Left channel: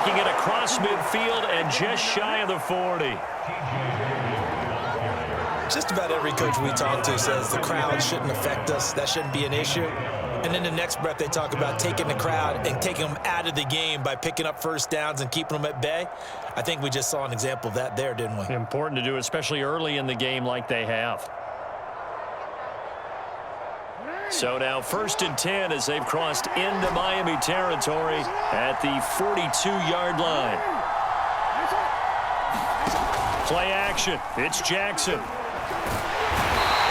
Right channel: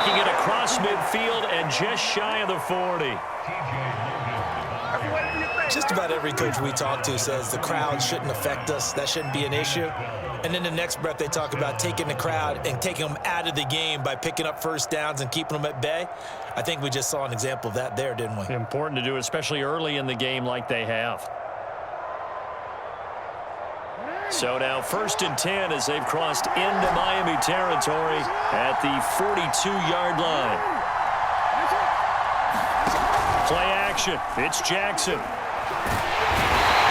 Taking it across midfield and just shy of the 40. Just about every coach we talk to says the crowd shouldn't affect us. That shouldn't be an issue. And then the next breath they talk about taking the crowd and taking them out of the game by picking up first downs and keeping them at bay. I think we just saw an example of that there, didn't we? Important to do, especially early in the game like they have. So now 1st and 10 as they've crossed into Miami territory at the 42-yard line. Play action. It's Jackson.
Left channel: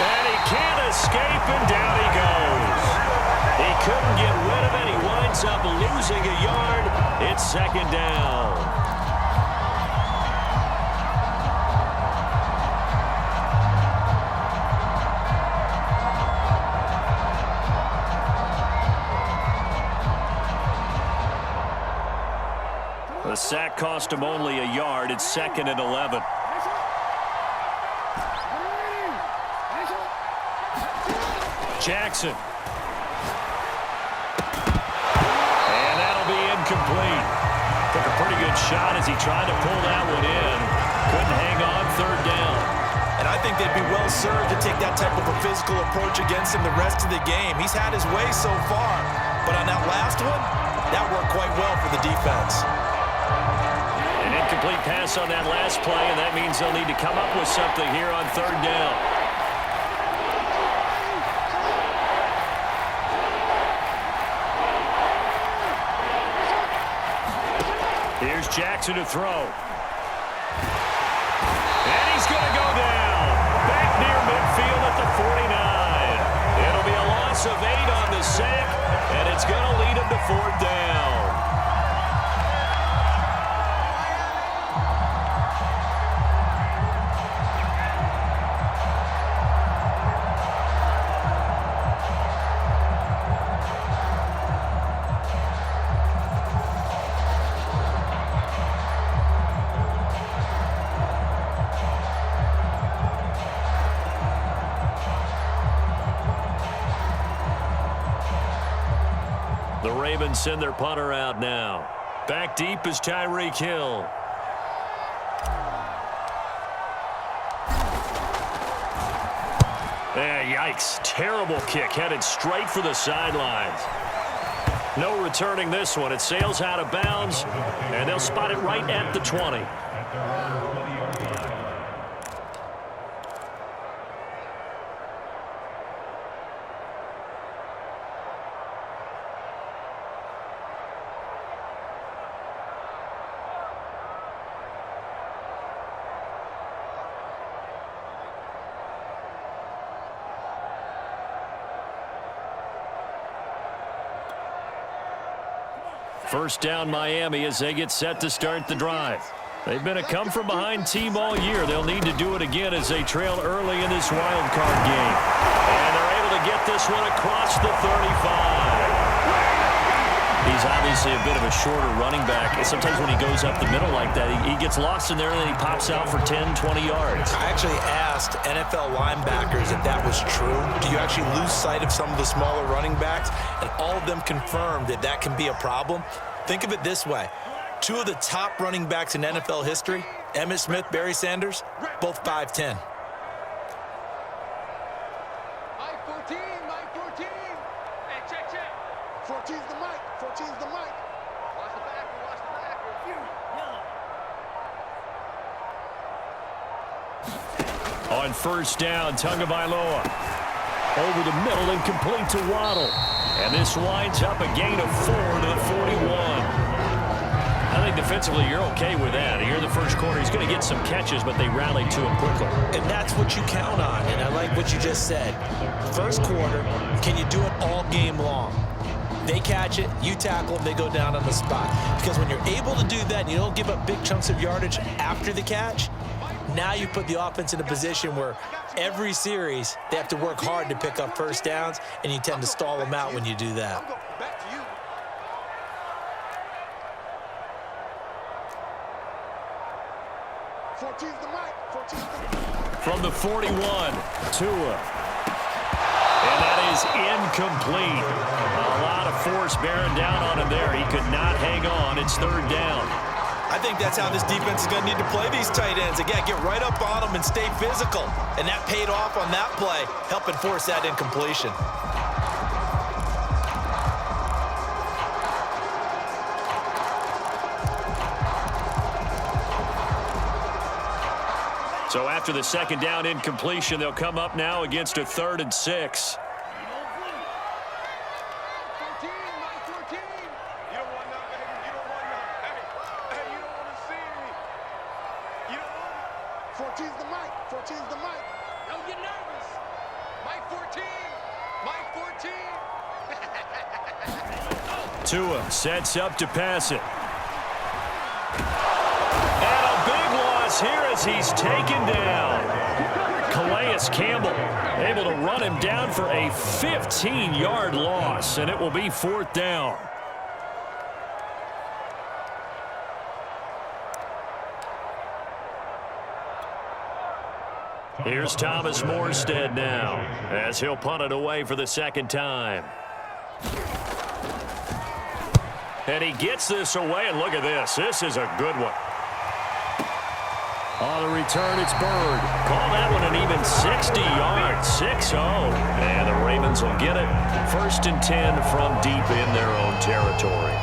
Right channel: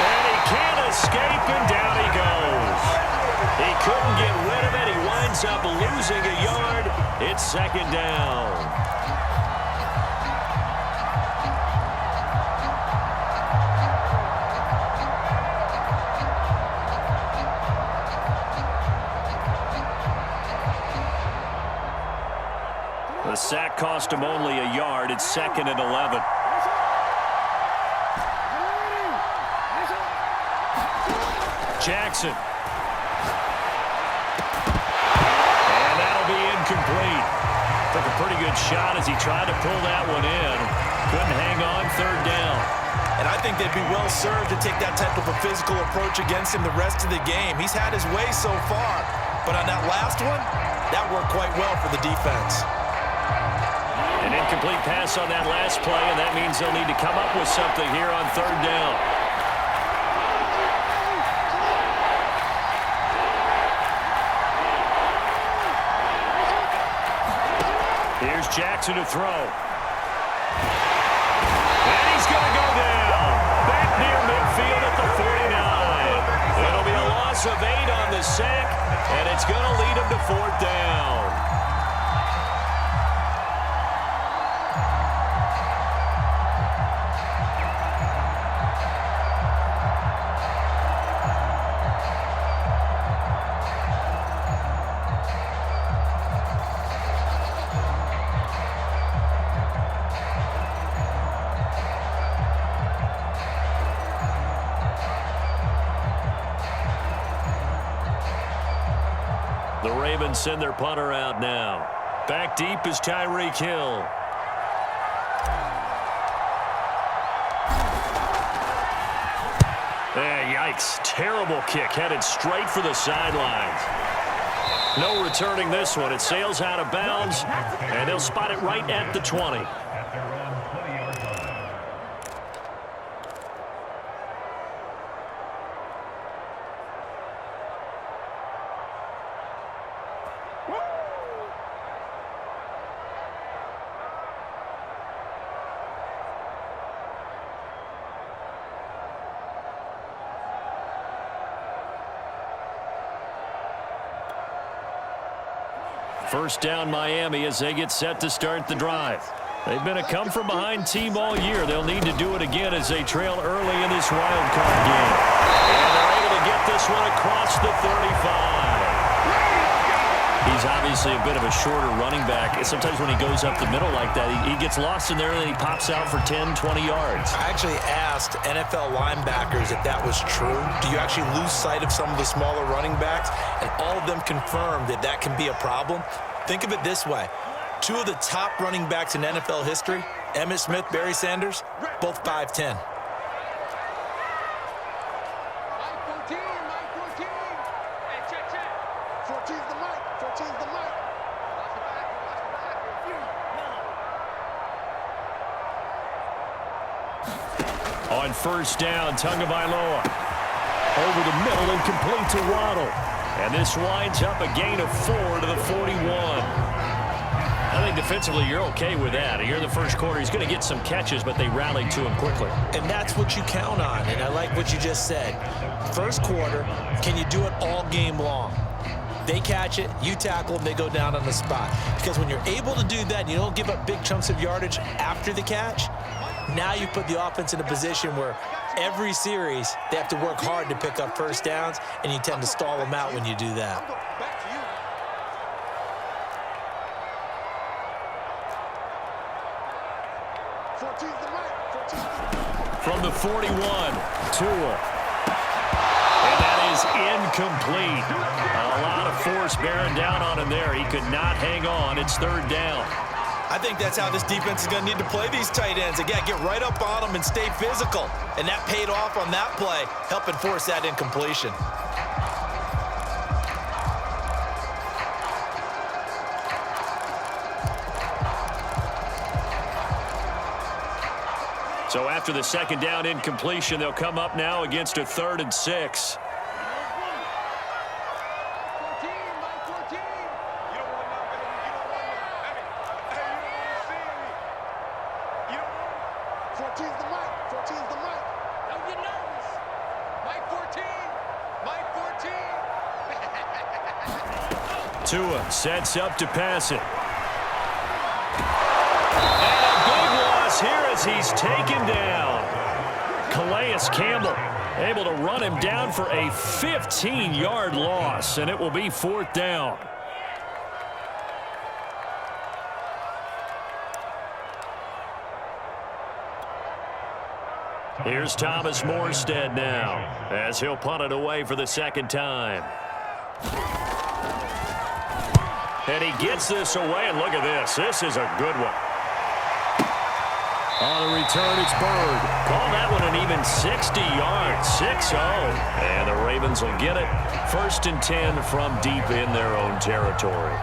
And he can't escape, and down he goes. He couldn't get rid of it. He winds up losing a yard. It's 2nd down. The sack cost him only a yard. It's 2nd and 11. Jackson. And that'll be incomplete. Took a pretty good shot as he tried to pull that one in. Couldn't hang on. 3rd down. And I think they'd be well served to take that type of a physical approach against him the rest of the game. He's had his way so far. But on that last one, that worked quite well for the defense. An incomplete pass on that last play, and that means they'll need to come up with something here on 3rd down. Here's Jackson to throw. And he's going to go down. Back near midfield at the 49. It'll be a loss of 8 on the sack, and it's going to lead him to 4th down. The Ravens send their punter out now. Back deep is Tyreek Hill. Yikes. Terrible kick headed straight for the sidelines. No returning this one. It sails out of bounds, and they'll spot it right at the 20. First down Miami as they get set to start the drive. They've been a come-from-behind team all year. They'll need to do it again as they trail early in this wild card game. And they're able to get this one across the 35. He's obviously a bit of a shorter running back. And sometimes when he goes up the middle like that, he gets lost in there and then he pops out for 10, 20 yards. I actually asked NFL linebackers if that was true. Do you actually lose sight of some of the smaller running backs? And all of them confirmed that that can be a problem. Think of it this way. 2 of the top running backs in NFL history, Emmitt Smith, Barry Sanders, both 5'10". Mike 14, Mike 14. Hey, check. 14's the mic, 14's the mic. Watch the back, watch the back. On first down, Tagovailoa. Over the middle and complete to Waddle. And this winds up a gain of 4 to the 41. I think defensively you're okay with that. Here in the first quarter, he's going to get some catches, but they rallied to him quickly. And that's what you count on, and I like what you just said. First quarter, can you do it all game long? They catch it, you tackle them, they go down on the spot. Because when you're able to do that and you don't give up big chunks of yardage after the catch, now you put the offense in a position where every series they have to work hard to pick up first downs, and you tend to stall them out when you do that. From the 41, Tua. And that is is incomplete. A lot of force bearing down on him there. He could not hang on. It's third down. I think that's how this defense is going to need to play these tight ends. Again, get right up on them and stay physical. And that paid off on that play, helping force that incompletion. So after the second down incompletion, they'll come up now against a 3rd and 6. 14, my 14. You don't want none, baby. You don't want none. Hey, you don't want to see me. You don't want it. 14's the mic. 14's the mic. Don't get nervous. Mike 14. Mike 14. Tua sets up to pass it. And a big loss here as he's taken down. Calais Campbell able to run him down for a 15-yard loss, and it will be 4th down. Here's Thomas Morstead now as he'll punt it away for the second time. And he gets this away, and look at this. This is a good one. On the return, it's Bird. Call that one an even 60 yards, 6-0. And the Ravens will get it. 1st and 10 from deep in their own territory.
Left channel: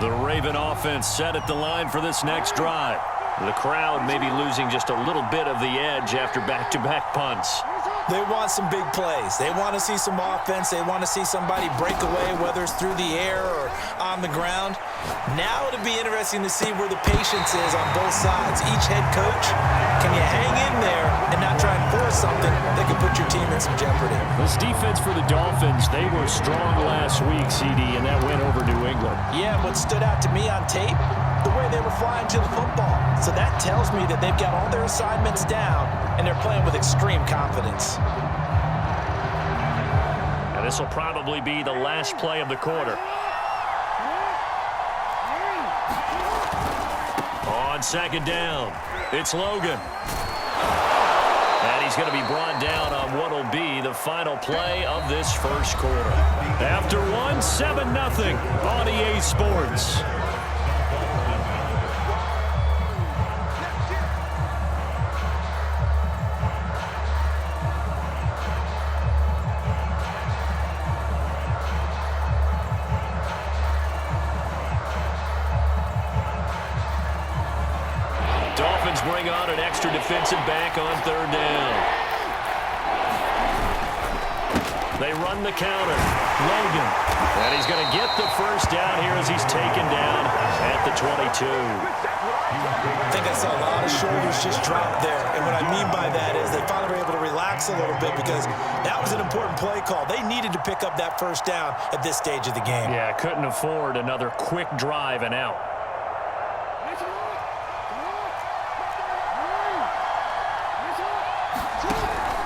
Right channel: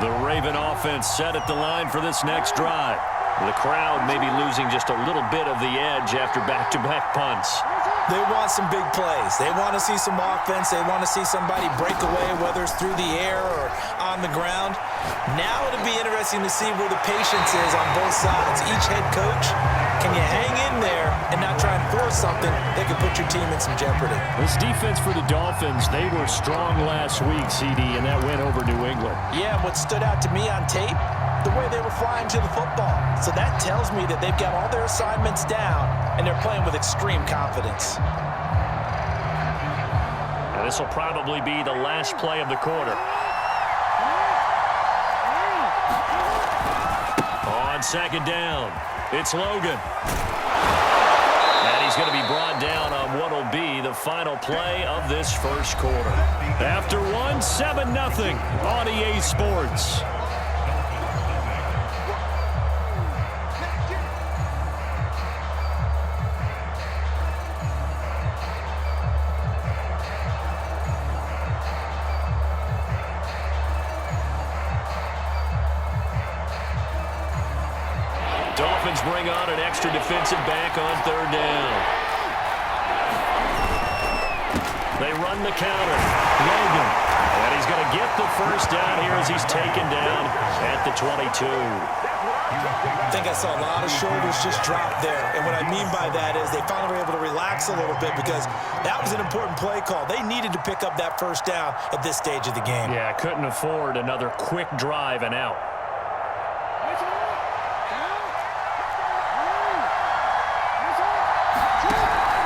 The Raven offense set at the line for this next drive. The crowd may be losing just a little bit of the edge after back-to-back punts. They want some big plays. They want to see some offense. They want to see somebody break away, whether it's through the air or on the ground. Now it'll be interesting to see where the patience is on both sides. Each head coach, can you hang in there and not try and force something that could put your team in some jeopardy? This defense for the Dolphins, they were strong last week, CD, and that went over New England. Yeah, and what stood out to me on tape, the way they were flying to the football. So that tells me that they've got all their assignments down, and they're playing with extreme confidence. And this will probably be the last play of the quarter. On second down, it's Logan. And he's going to be brought down on what will be the final play of this first quarter. After one, 7-0 on EA Sports. Dolphins bring on an extra defensive back on 3rd down. They run the counter. Logan. And he's going to get the first down here as he's taken down at the 22. I think I saw a lot of shoulders just drop there. And what I mean by that is they finally were able to relax a little bit because that was an important play call. They needed to pick up that first down at this stage of the game. Yeah, couldn't afford another quick drive and out.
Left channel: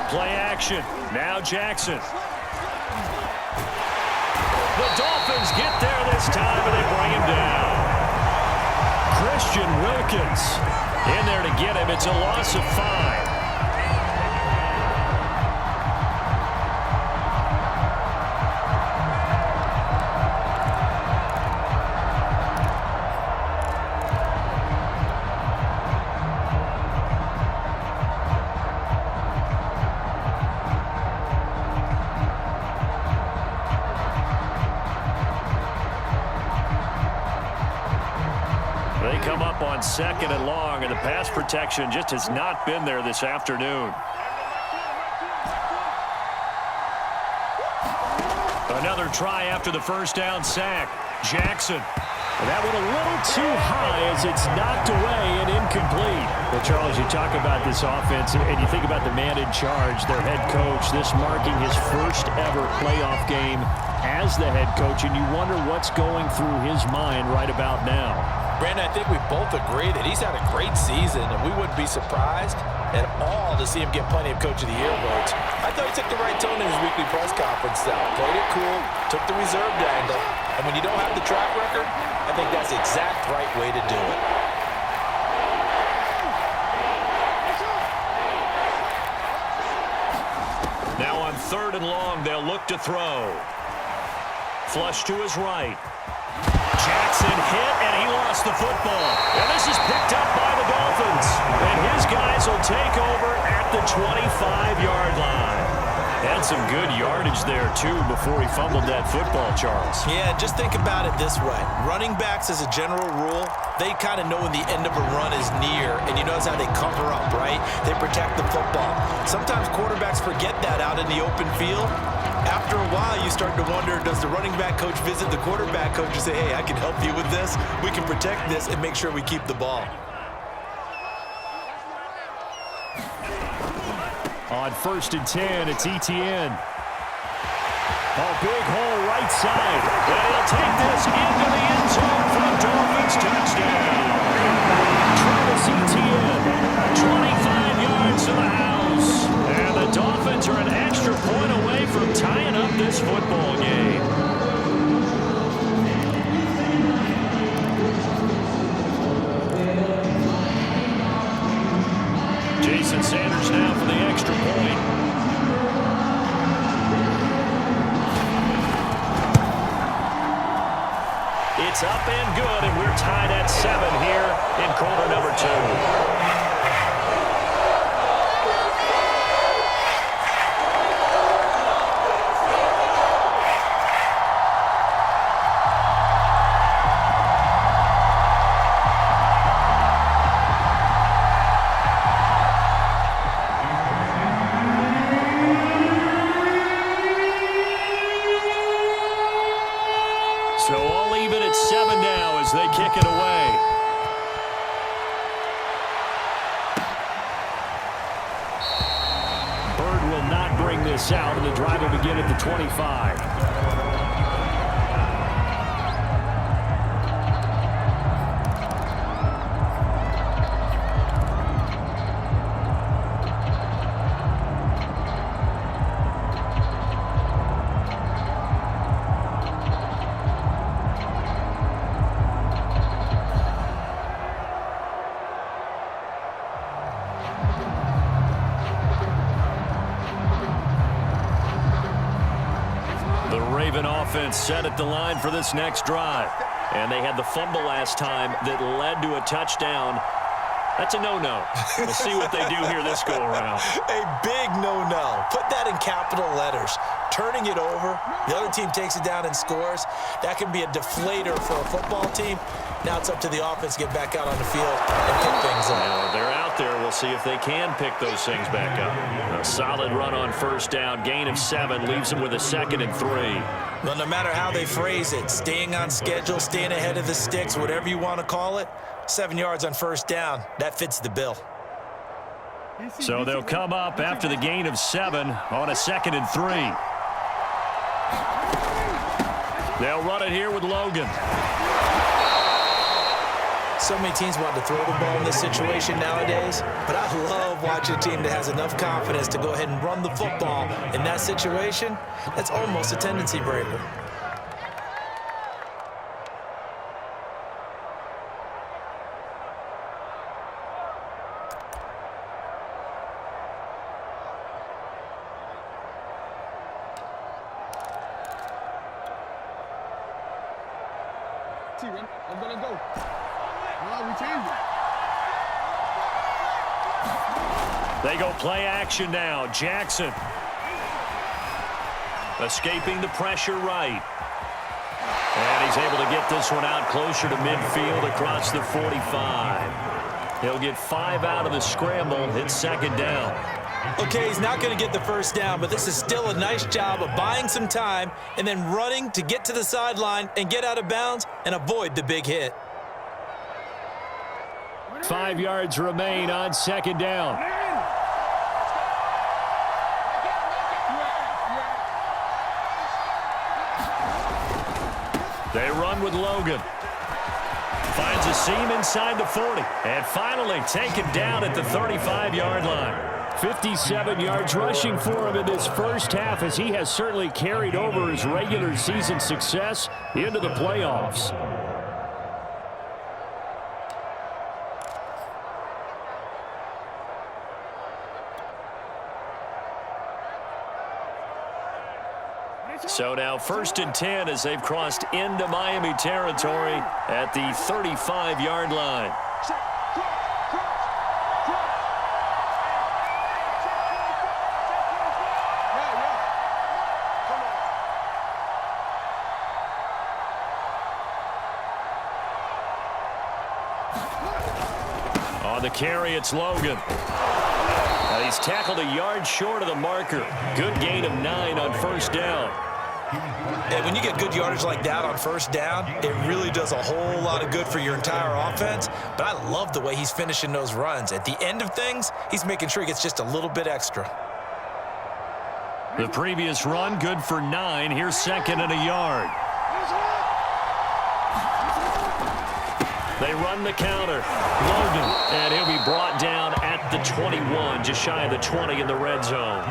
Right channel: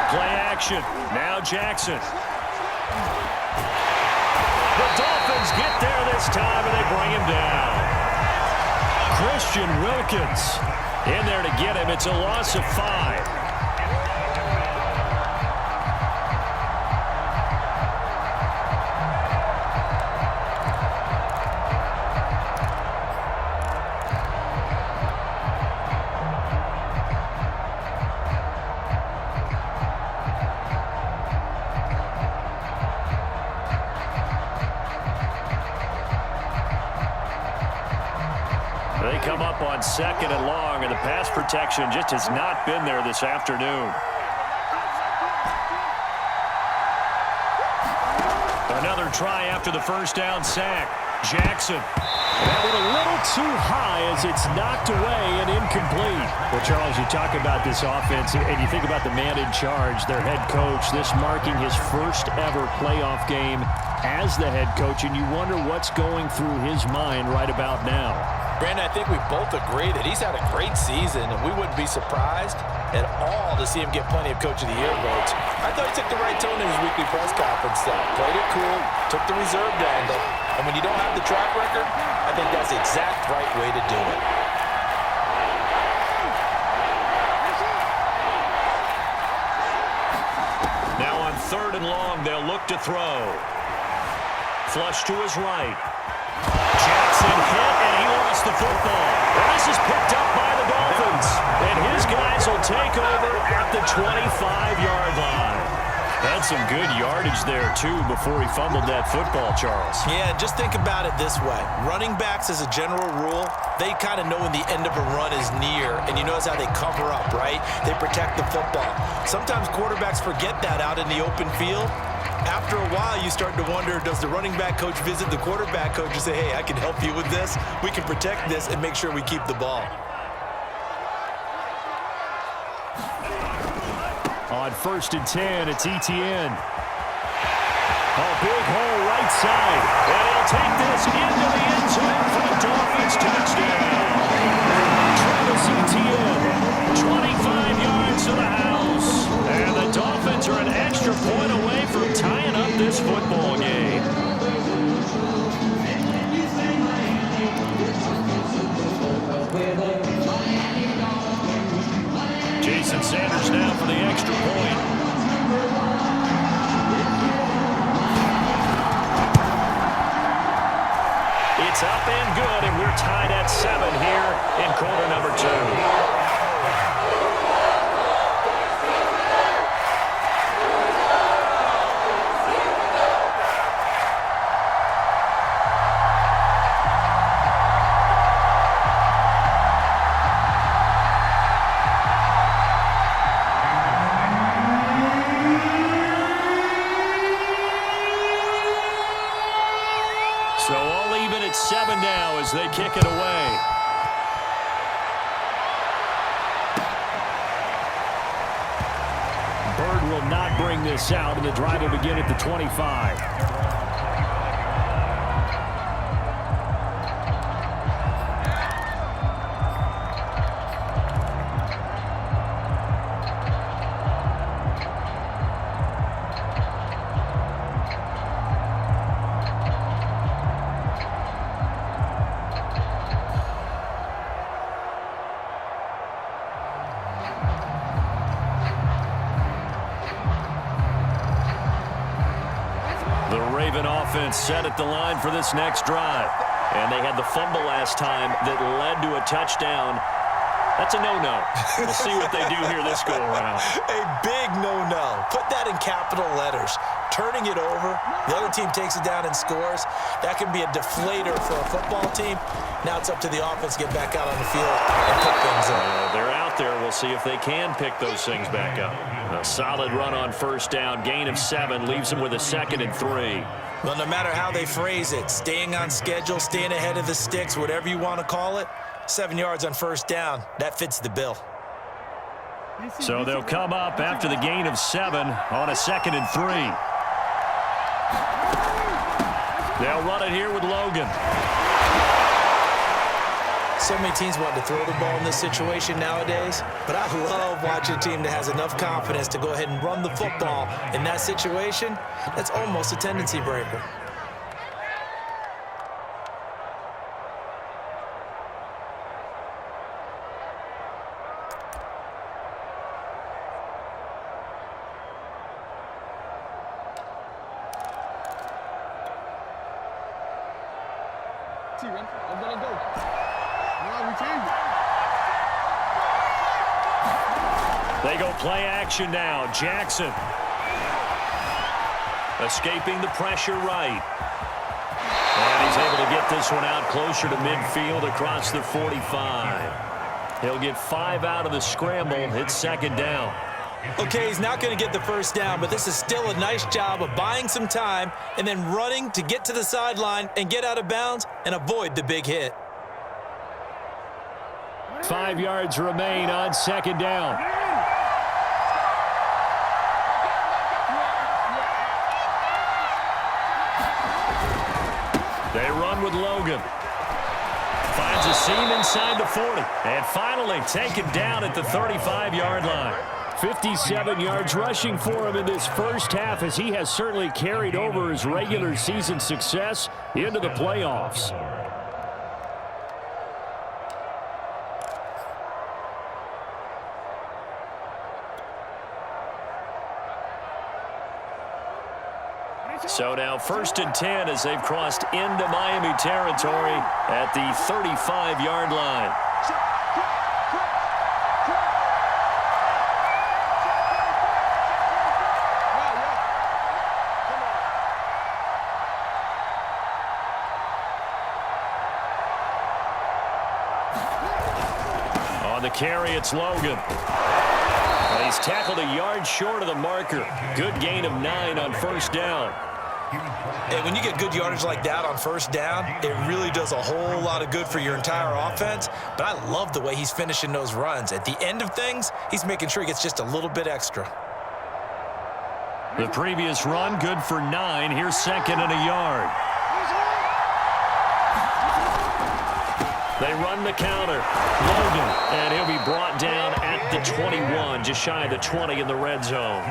Play action. Now Jackson. The Dolphins get there this time, and they bring him down. Christian Wilkins in there to get him. It's a loss of 5. They come up on 2nd and long, and the pass protection just has not been there this afternoon. Another try after the first down sack. Jackson. And that went a little too high as it's knocked away and incomplete. Well, Charles, you talk about this offense, and you think about the man in charge, their head coach, this marking his first ever playoff game as the head coach, and you wonder what's going through his mind right about now. Brandon, I think we both agree that he's had a great season, and we wouldn't be surprised at all to see him get plenty of Coach of the Year votes. I thought he took the right tone in his weekly press conference, though. Played it cool, took the reserved angle, and when you don't have the track record, I think that's the exact right way to do it. Now on 3rd and long, they'll look to throw. Flush to his right. Jackson hit, and he lost the football. And this is picked up by the Dolphins. And his guys will take over at the 25-yard line. Had some good yardage there, too, before he fumbled that football, Charles. Yeah, just think about it this way. Running backs, as a general rule, they kind of know when the end of a run is near, and you notice how they cover up, right? They protect the football. Sometimes quarterbacks forget that out in the open field. After a while, you start to wonder, does the running back coach visit the quarterback coach and say, hey, I can help you with this. We can protect this and make sure we keep the ball. On 1st and 10, it's Etienne. A big hole right side. And he'll take this into the end zone for the Dolphins touchdown. Travis Etienne, 25 yards to the house. And the Dolphins are an extra point away from tying up this football game. Jason Sanders now for the extra point. It's up and good, and we're tied at 7 here in quarter number 2. So all even at 7 now as they kick it away. Bird will not bring this out, and the drive will begin at the 25. The Raven offense set at the line for this next drive. And they had the fumble last time that led to a touchdown. That's a no-no. We'll see what they do here this go-around. A big no-no. Put that in capital letters. Turning it over, the other team takes it down and scores. That can be a deflator for a football team. Now it's up to the offense to get back out on the field and pick things up. They're out there. We'll see if they can pick those things back up. A solid run on 1st down. Gain of 7 leaves them with a 2nd and 3. Well, no matter how they phrase it, staying on schedule, staying ahead of the sticks, whatever you want to call it, 7 yards on 1st down, that fits the bill. So they'll come up after the gain of 7 on a 2nd and 3. They'll run it here with Logan. So many teams want to throw the ball in this situation nowadays, but I love watching a team that has enough confidence to go ahead and run the football in that situation. That's almost a tendency breaker. I'm gonna go. No, we change it. They go play action now. Jackson escaping the pressure right. And he's able to get this one out closer to midfield across the 45. He'll get 5 out of the scramble. It's 2nd down. Okay, he's not going to get the 1st down, but this is still a nice job of buying some time and then running to get to the sideline and get out of bounds and avoid the big hit. 5 yards remain on 2nd down. They run with Logan. finds a seam inside the 40. And finally taken down at the 35-yard line. 57 yards rushing for him in this first half, as he has certainly carried over his regular season success into the playoffs. So now 1st and 10 as they've crossed into Miami territory at the 35-yard line. On the carry, it's Logan. And he's tackled a yard short of the marker. Good gain of 9 on 1st down. And when you get good yardage like that on 1st down, it really does a whole lot of good for your entire offense. But I love the way he's finishing those runs. At the end of things, he's making sure he gets just a little bit extra. The previous run, good for 9. Here's 2nd and a yard. They run the counter. Logan, and he'll be brought down at the 21, just shy of the 20 in the red zone.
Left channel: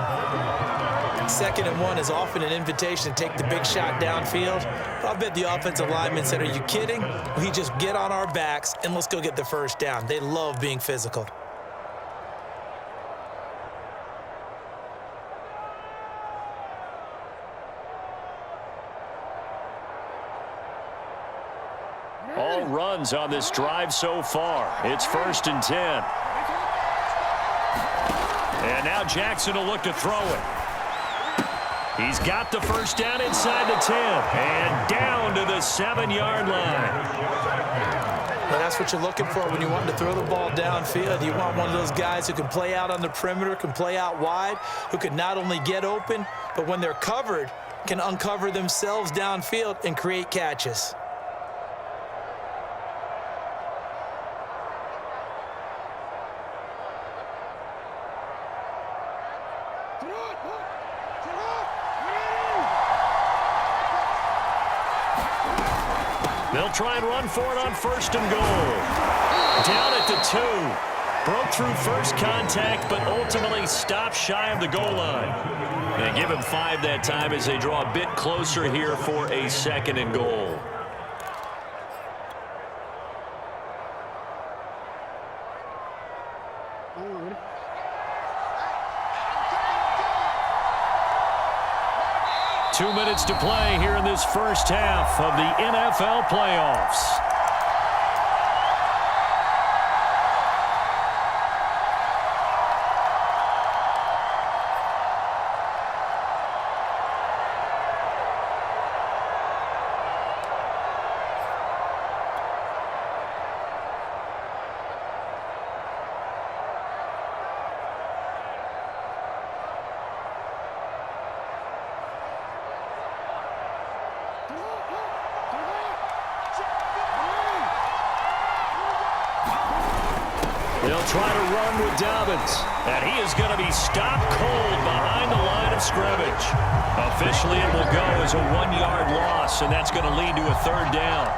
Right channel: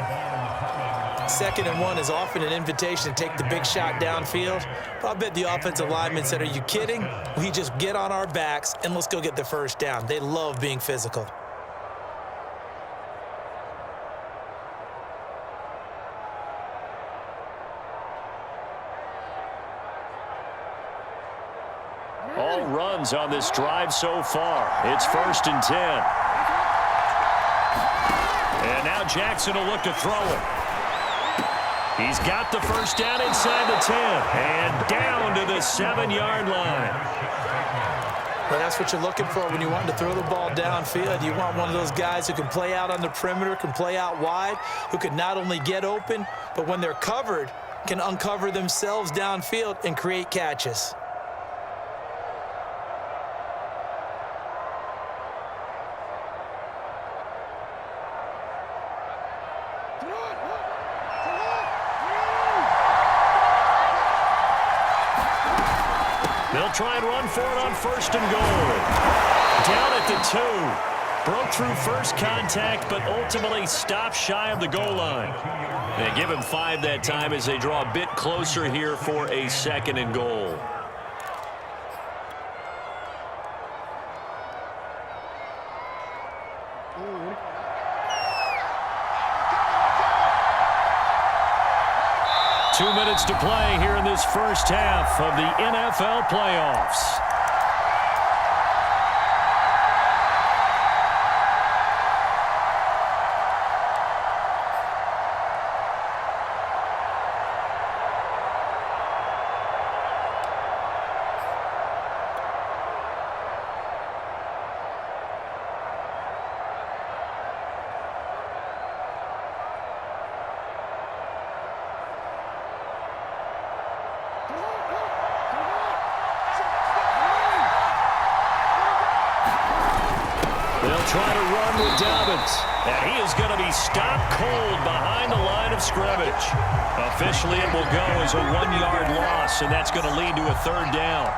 2nd and 1 is often an invitation to take the big shot downfield. But I bet the offensive lineman said, are you kidding? We just get on our backs and let's go get the 1st down. They love being physical. All runs on this drive so far. It's 1st and 10. And now Jackson will look to throw it. He's got the 1st down inside the 10 and down to the 7-yard line. Well, that's what you're looking for when you want to throw the ball downfield. You want one of those guys who can play out on the perimeter, can play out wide, who can not only get open, but when they're covered, can uncover themselves downfield and create catches. They'll try and run for it on 1st and goal. Down at the 2. Broke through first contact, but ultimately stopped shy of the goal line. And give him 5 that time as they draw a bit closer here for a 2nd and goal. Two minutes to play here in this first half of the NFL playoffs. They'll try to run with Dobbins, and he is going to be stopped cold behind the line of scrimmage. Officially, it will go as a 1-yard loss, and that's going to lead to a 3rd down.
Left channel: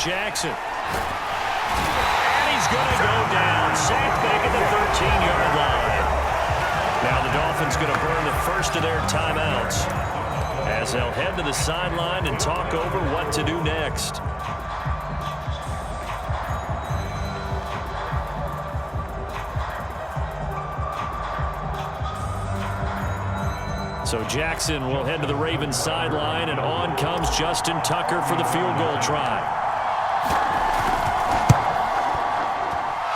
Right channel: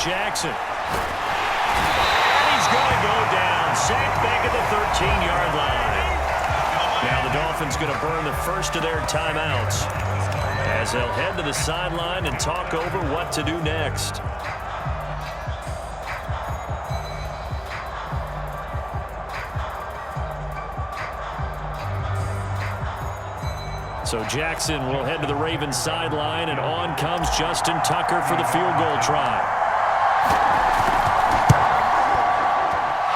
Jackson. And he's going to go down. Sacked back at the 13-yard line. Now the Dolphins going to burn the first of their timeouts as they'll head to the sideline and talk over what to do next. So Jackson will head to the Ravens sideline, and on comes Justin Tucker for the field goal try.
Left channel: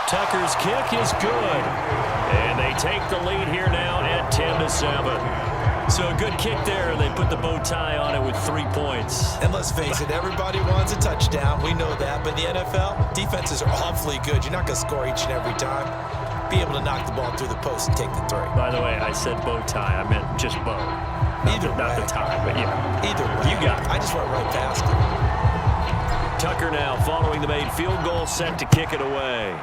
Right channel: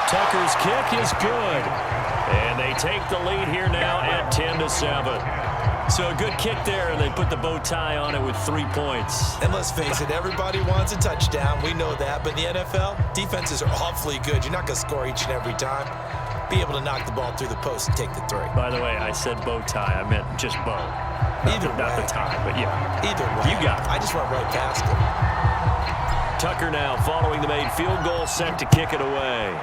Tucker's kick is good, and they take the lead here now at 10-7. So a good kick there, and they put the bow tie on it with 3 points. And let's face it, everybody wants a touchdown. We know that, but in the NFL, defenses are awfully good. You're not going to score each and every time. be able to knock the ball through the post and take the three. By the way, I said bow tie. I meant just bow. Not the tie, but yeah. Either way. You got it. I just went right past it. Tucker now following the made field goal, set to kick it away.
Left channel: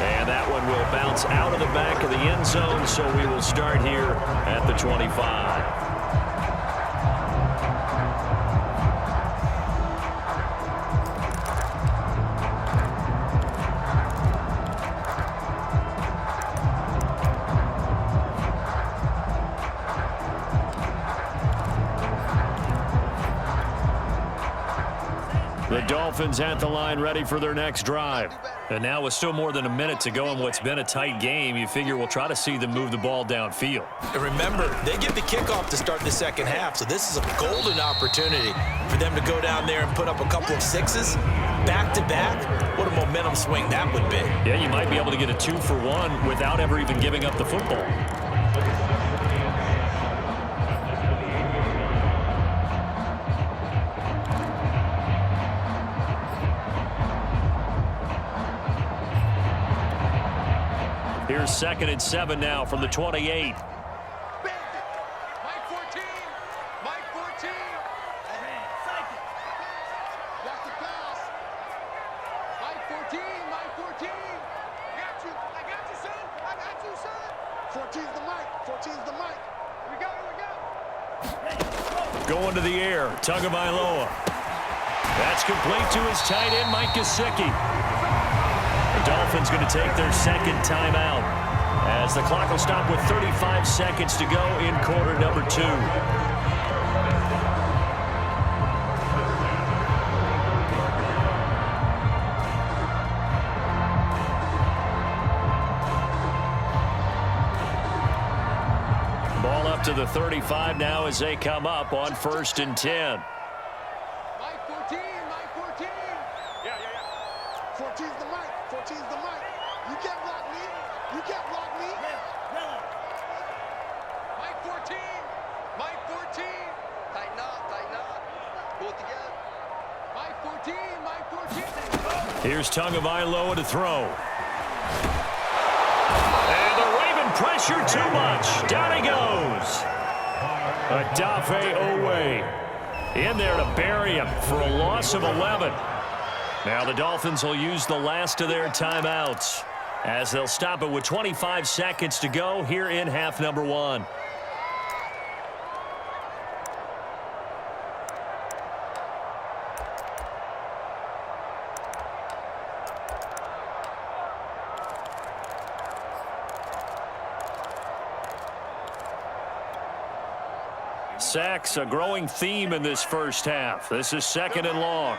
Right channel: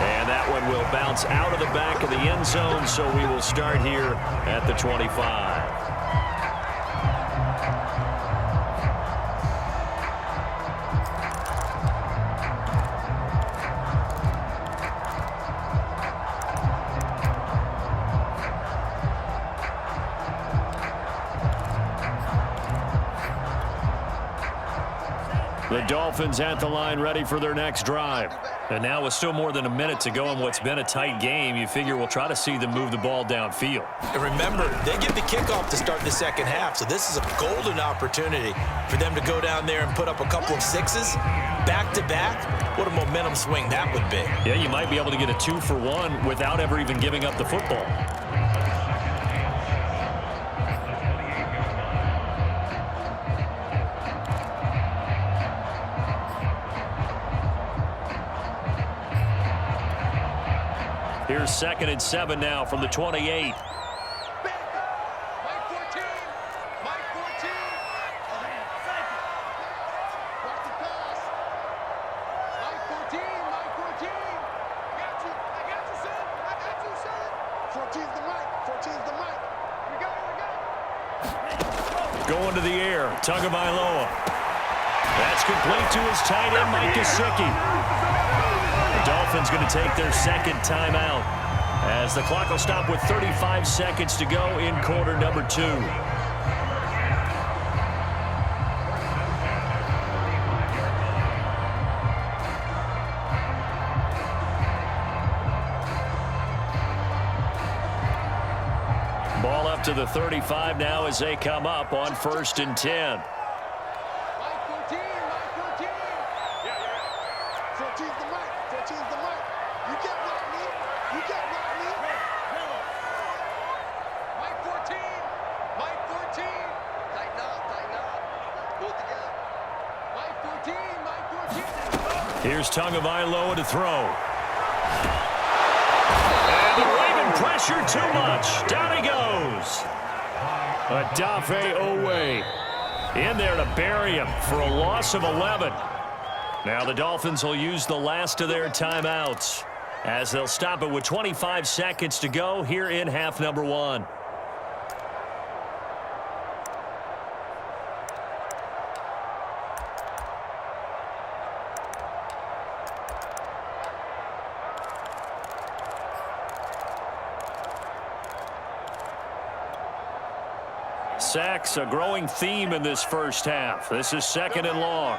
And that one will bounce out of the back of the end zone, so we will start here at the 25. The Dolphins at the line ready for their next drive. And now with still more than a minute to go in what's been a tight game, you figure we'll try to see them move the ball downfield. And remember, they get the kickoff to start the second half, so this is a golden opportunity for them to go down there and put up a couple of sixes back-to-back. What a momentum swing that would be. Yeah, you might be able to get a 2-for-1 without ever even giving up the football. Here's 2nd and 7 now from the 28. Mike 14. Mike 14. Watch the pass. Mike 14. Mike 14. Got you. I got you, son. I got you, son. 14's the Mike. 14's the Mike. Here we go. Here we go. Going to the air. Tagovailoa. That's complete to his tight end, Mike Gesicki. The Dolphins going to take their second timeout as the clock will stop with 35 seconds to go in quarter number 2. Ball up to the 35 now as they come up on 1st and 10. Mike 14. Mike 14. Yeah. 14's the Mike. 14's the Mike. You can't block me. You can't block me. Yellow. Mike 14. Mike 14. Tighten up. Pull it together. Mike 14. Mike 14. Here's Tagovailoa to throw. And the Raven pressure too much. Down he goes. Odafe Owe in there to bury him for a loss of 11. Now the Dolphins will use the last of their timeouts as they'll stop it with 25 seconds to go here in half number 1. Sacks, a growing theme in this first half. This is 2nd and long.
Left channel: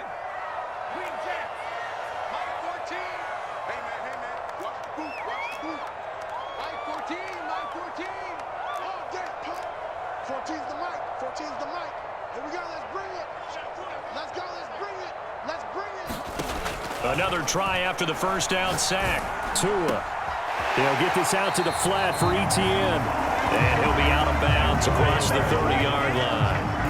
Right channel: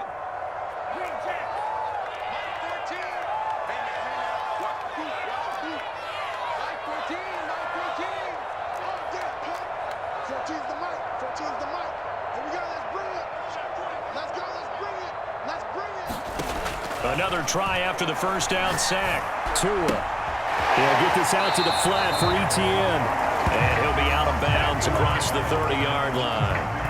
Another try after the first down sack. Tua. He'll get this out to the flat for Etienne. And he'll be out of bounds across the 30-yard line.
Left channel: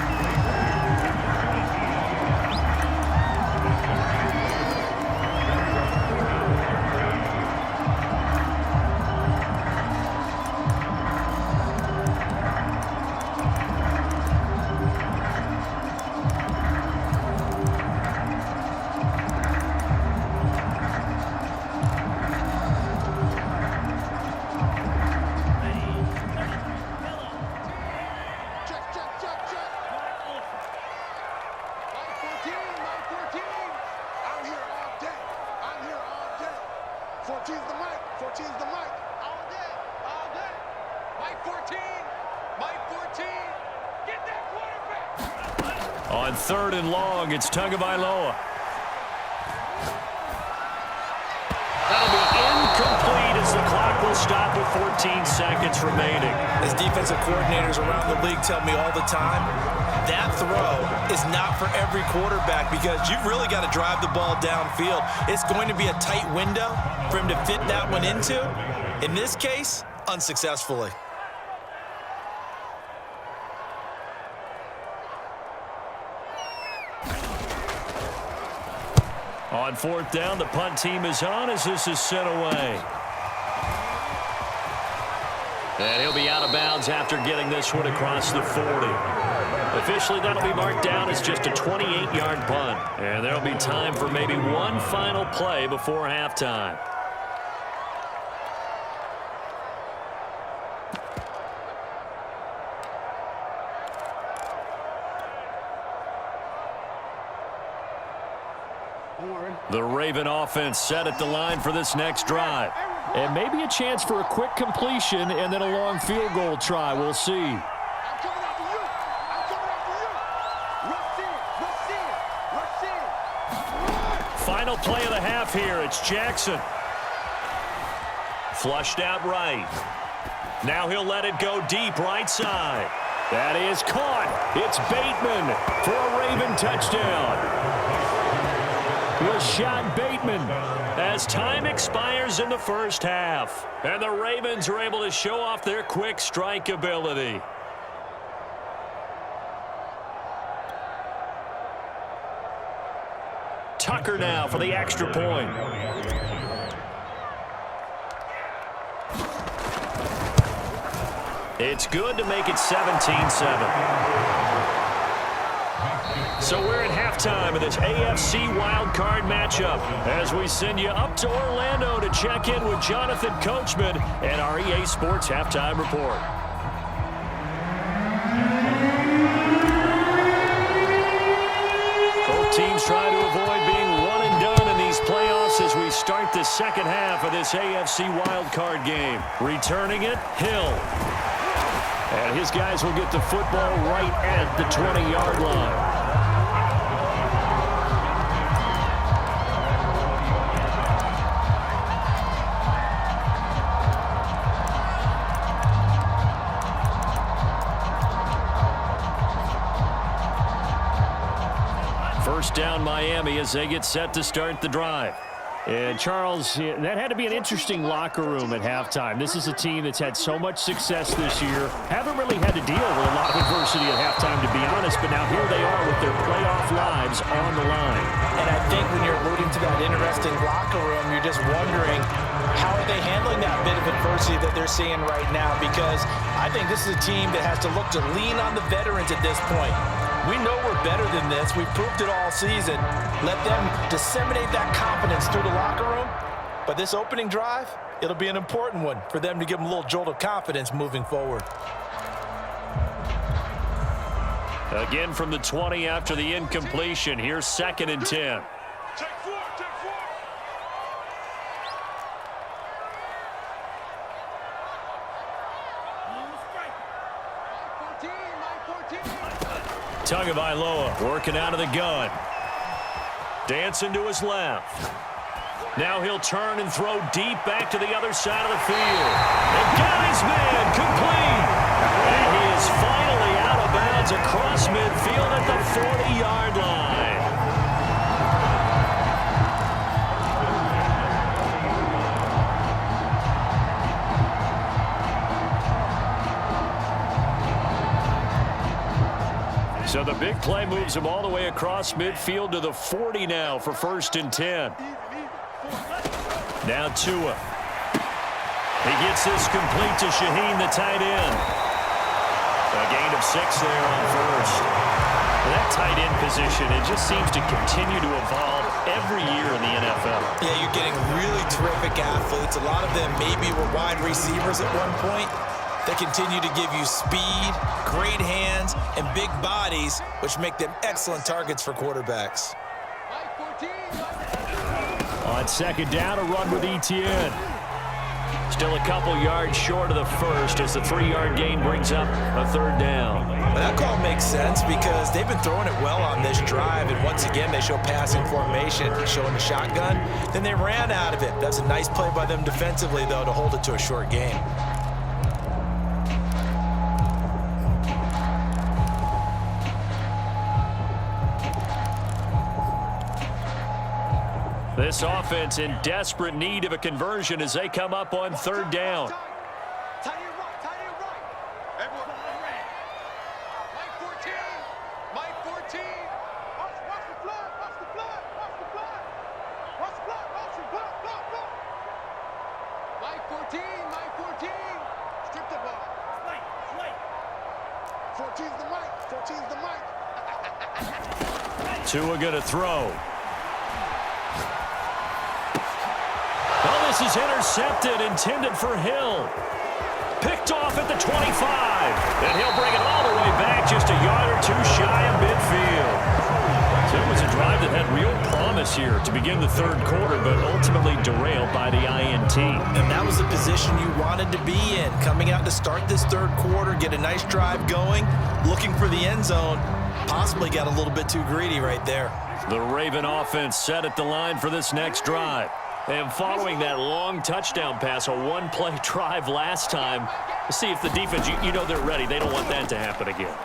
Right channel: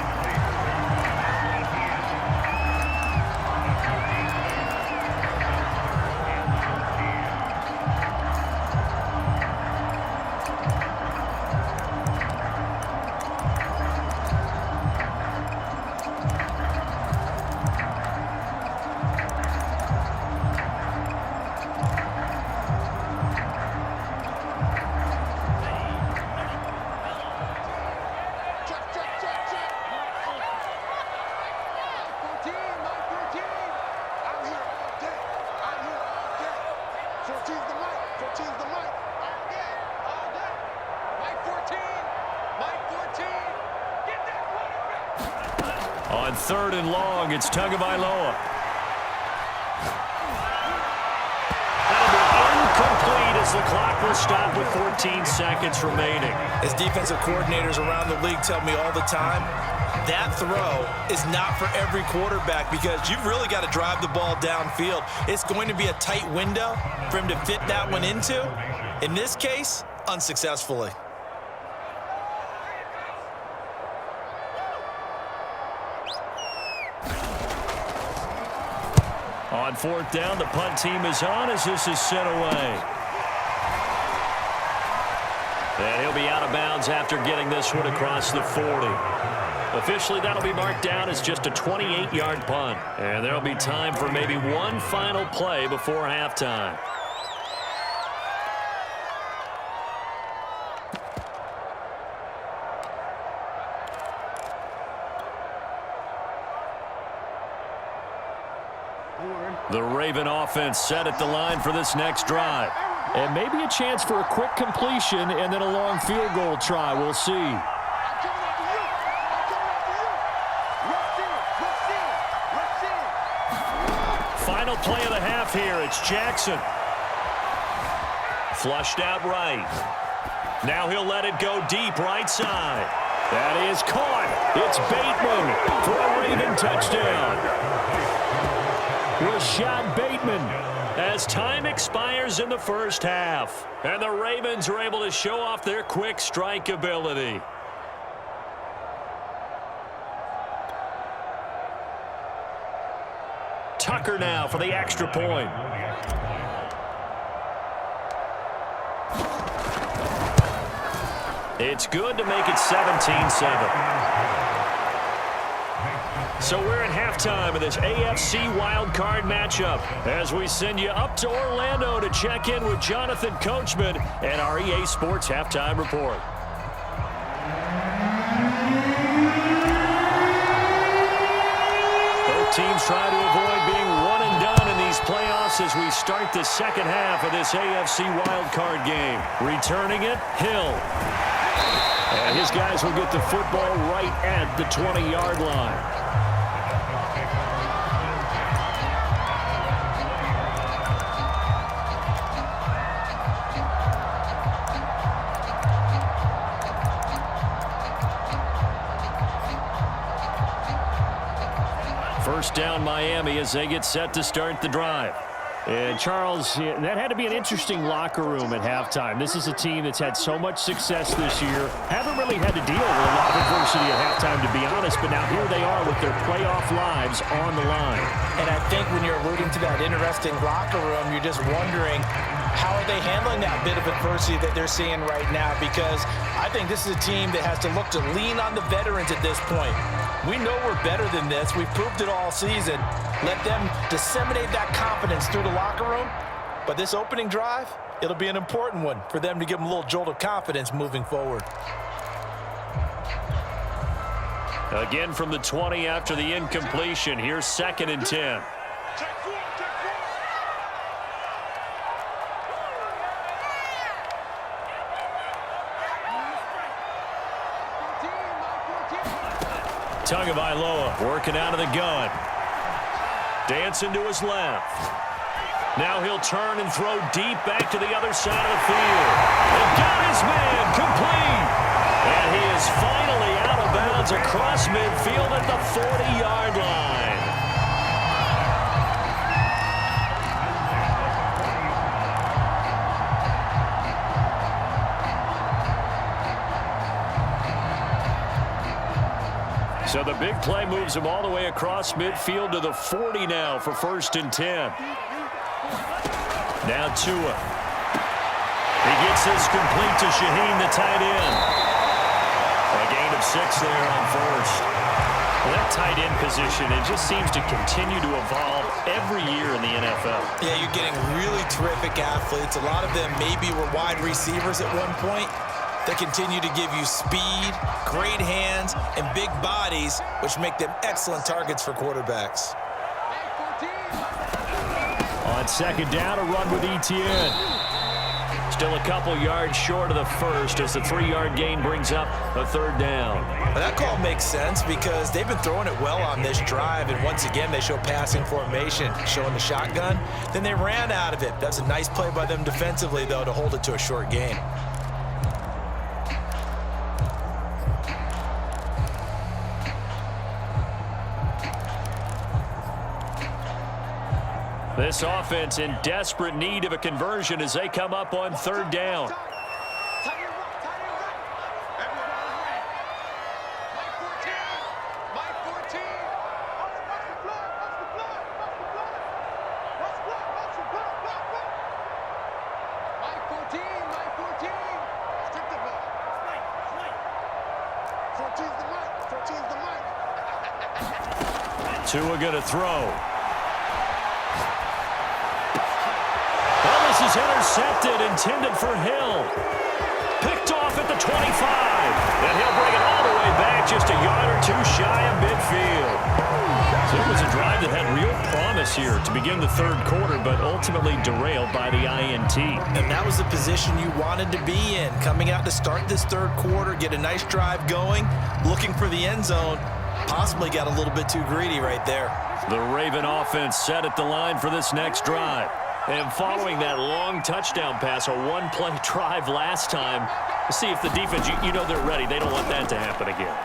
On 3rd and long, it's Tagovailoa. That'll be incomplete as the clock will stop with 14 seconds remaining. As defensive coordinators around the league tell me all the time, that throw is not for every quarterback because you've really got to drive the ball downfield. It's going to be a tight window for him to fit that one into. In this case, unsuccessfully. On fourth down, the punt team is on as this is sent away. And he'll be out of bounds after getting this one across the 40. Officially, that'll be marked down as just a 28-yard punt. And there'll be time for maybe one final play before halftime. The Raven offense set at the line for this next drive. And maybe a chance for a quick completion and then a long field goal try. We'll see. I'm coming after you. I'm coming after you. Rush in. Final play of the half here. It's Jackson. Flushed out right. Now he'll let it go deep right side. That is caught. It's Bateman for a Raven touchdown. Rashad Bateman as time expires in the first half. And the Ravens are able to show off their quick strike ability. Tucker now for the extra point. It's good to make it 17-7. So we're at halftime of this AFC Wildcard matchup as we send you up to Orlando to check in with Jonathan Coachman and our EA Sports Halftime Report. Both teams try to avoid being one and done in these playoffs as we start the second half of this AFC Wildcard game. Returning it, Hill. And his guys will get the football right at the 20-yard line. First down Miami as they get set to start the drive. And Charles, that had to be an interesting locker room at halftime. This is a team that's had so much success this year. Haven't really had to deal with a lot of adversity at halftime, to be honest, but now here they are with their playoff lives on the line. And I think when you're alluding to that interesting locker room, you're just wondering, how are they handling that bit of adversity that they're seeing right now? Because I think this is a team that has to look to lean on the veterans at this point. We know we're better than this. We've proved it all season. Let them disseminate that confidence through the locker room. But this opening drive, it'll be an important one for them to give them a little jolt of confidence moving forward. Again from the 20 after the incompletion. Here's 2nd and 10. Take four. Tagovailoa working out of the gun. Dancing to his left. Now he'll turn and throw deep back to the other side of the field. And got his man complete. And he is finally out of bounds across midfield at the 40-yard line. So the big play moves him all the way across midfield to the 40 now for 1st and 10. Now Tua. He gets this complete to Shaheen, the tight end. A gain of 6 there on 1st. Well, that tight end position, it just seems to continue to evolve every year in the NFL. Yeah, you're getting really terrific athletes. A lot of them maybe were wide receivers at one point. They continue to give you speed, great hands, and big bodies, which make them excellent targets for quarterbacks. On 2nd down, a run with Etienne. Still a couple yards short of the first as the 3-yard gain brings up a 3rd down. Well, that call makes sense because they've been throwing it well on this drive, and once again they show passing formation, showing the shotgun. Then they ran out of it. That's a nice play by them defensively, though, to hold it to a short gain. This offense in desperate need of a conversion as they come up on 3rd down. 14, Mike 14. Strip the ball. Mike. 14's the Mike. 14's the Mike. Tua gonna throw. Well, this is intercepted, intended for Hill. Picked off at the 25. And he'll bring it all the way back, just a yard or two shy of midfield. So it was a drive that had real promise here to begin the third quarter, but ultimately derailed by the INT. And that was the position you wanted to be in. Coming out to start this third quarter, get a nice drive going, looking for the end zone. Possibly got a little bit too greedy right there. The Raven offense set at the line for this next drive. And following that long touchdown pass, a one-play drive last time, we'll see if the defense, you know they're ready. They don't want that to happen again.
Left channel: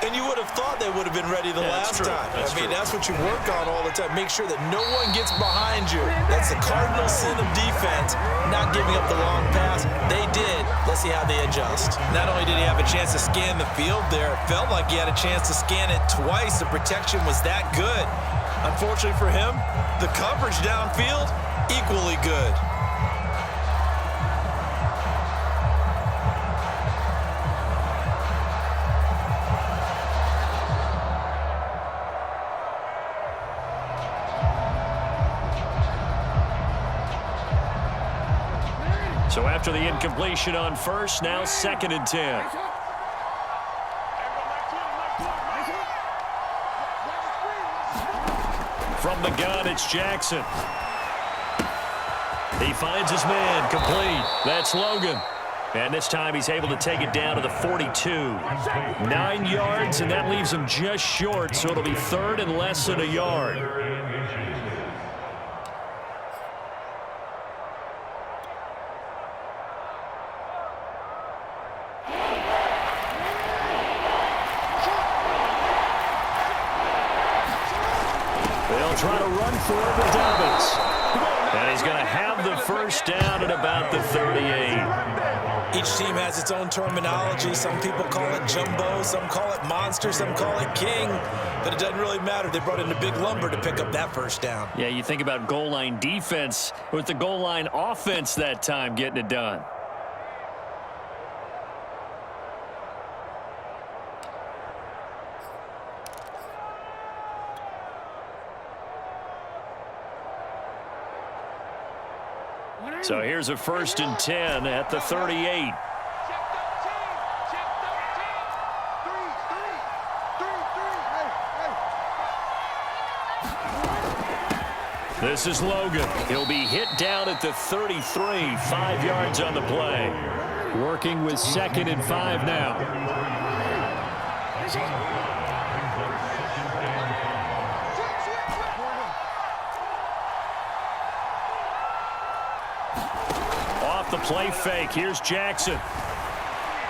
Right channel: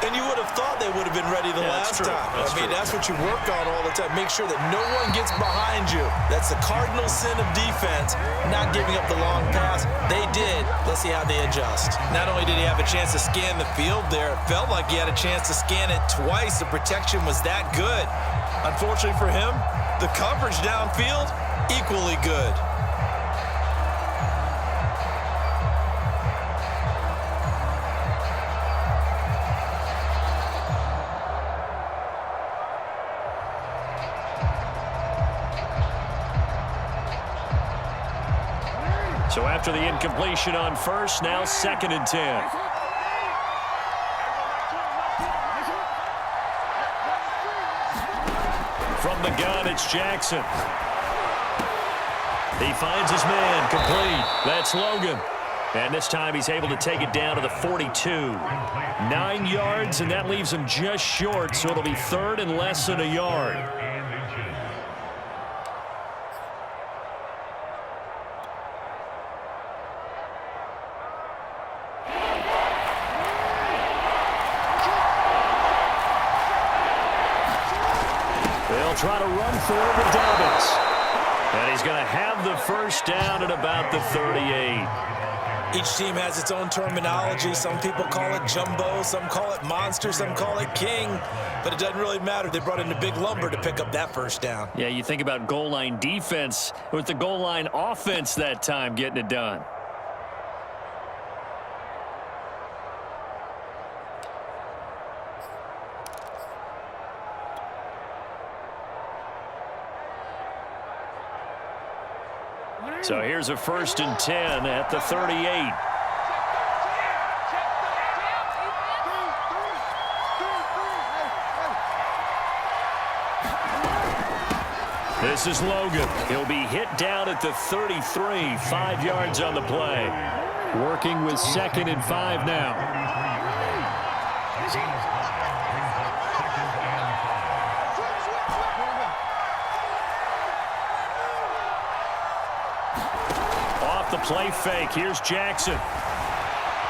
And you would have thought they would have been ready the last time. That's what you work on all the time. Make sure that no one gets behind you. That's the cardinal sin of defense, not giving up the long pass. They did. Let's see how they adjust. Not only did he have a chance to scan the field there, it felt like he had a chance to scan it twice. The protection was that good. Unfortunately for him, the coverage downfield, equally good. So after the incompletion on first, now 2nd and 10. From the gun, it's Jackson. He finds his man, complete. That's Logan. And this time he's able to take it down to the 42. 9 yards, and that leaves him just short, so it'll be 3rd and less than a yard. They'll try to run for it with Dobbins. And he's going to have the first down at about the 38. Each team has its own terminology. Some people call it jumbo, some call it monster, some call it king. But it doesn't really matter. They brought in a big lumber to pick up that first down. Yeah, you think about goal line defense with the goal line offense that time getting it done. So here's a 1st and 10 at the 38. This is Logan. He'll be hit down at the 33, 5 yards on the play. Working with 2nd and 5 now. Off the play fake, here's Jackson.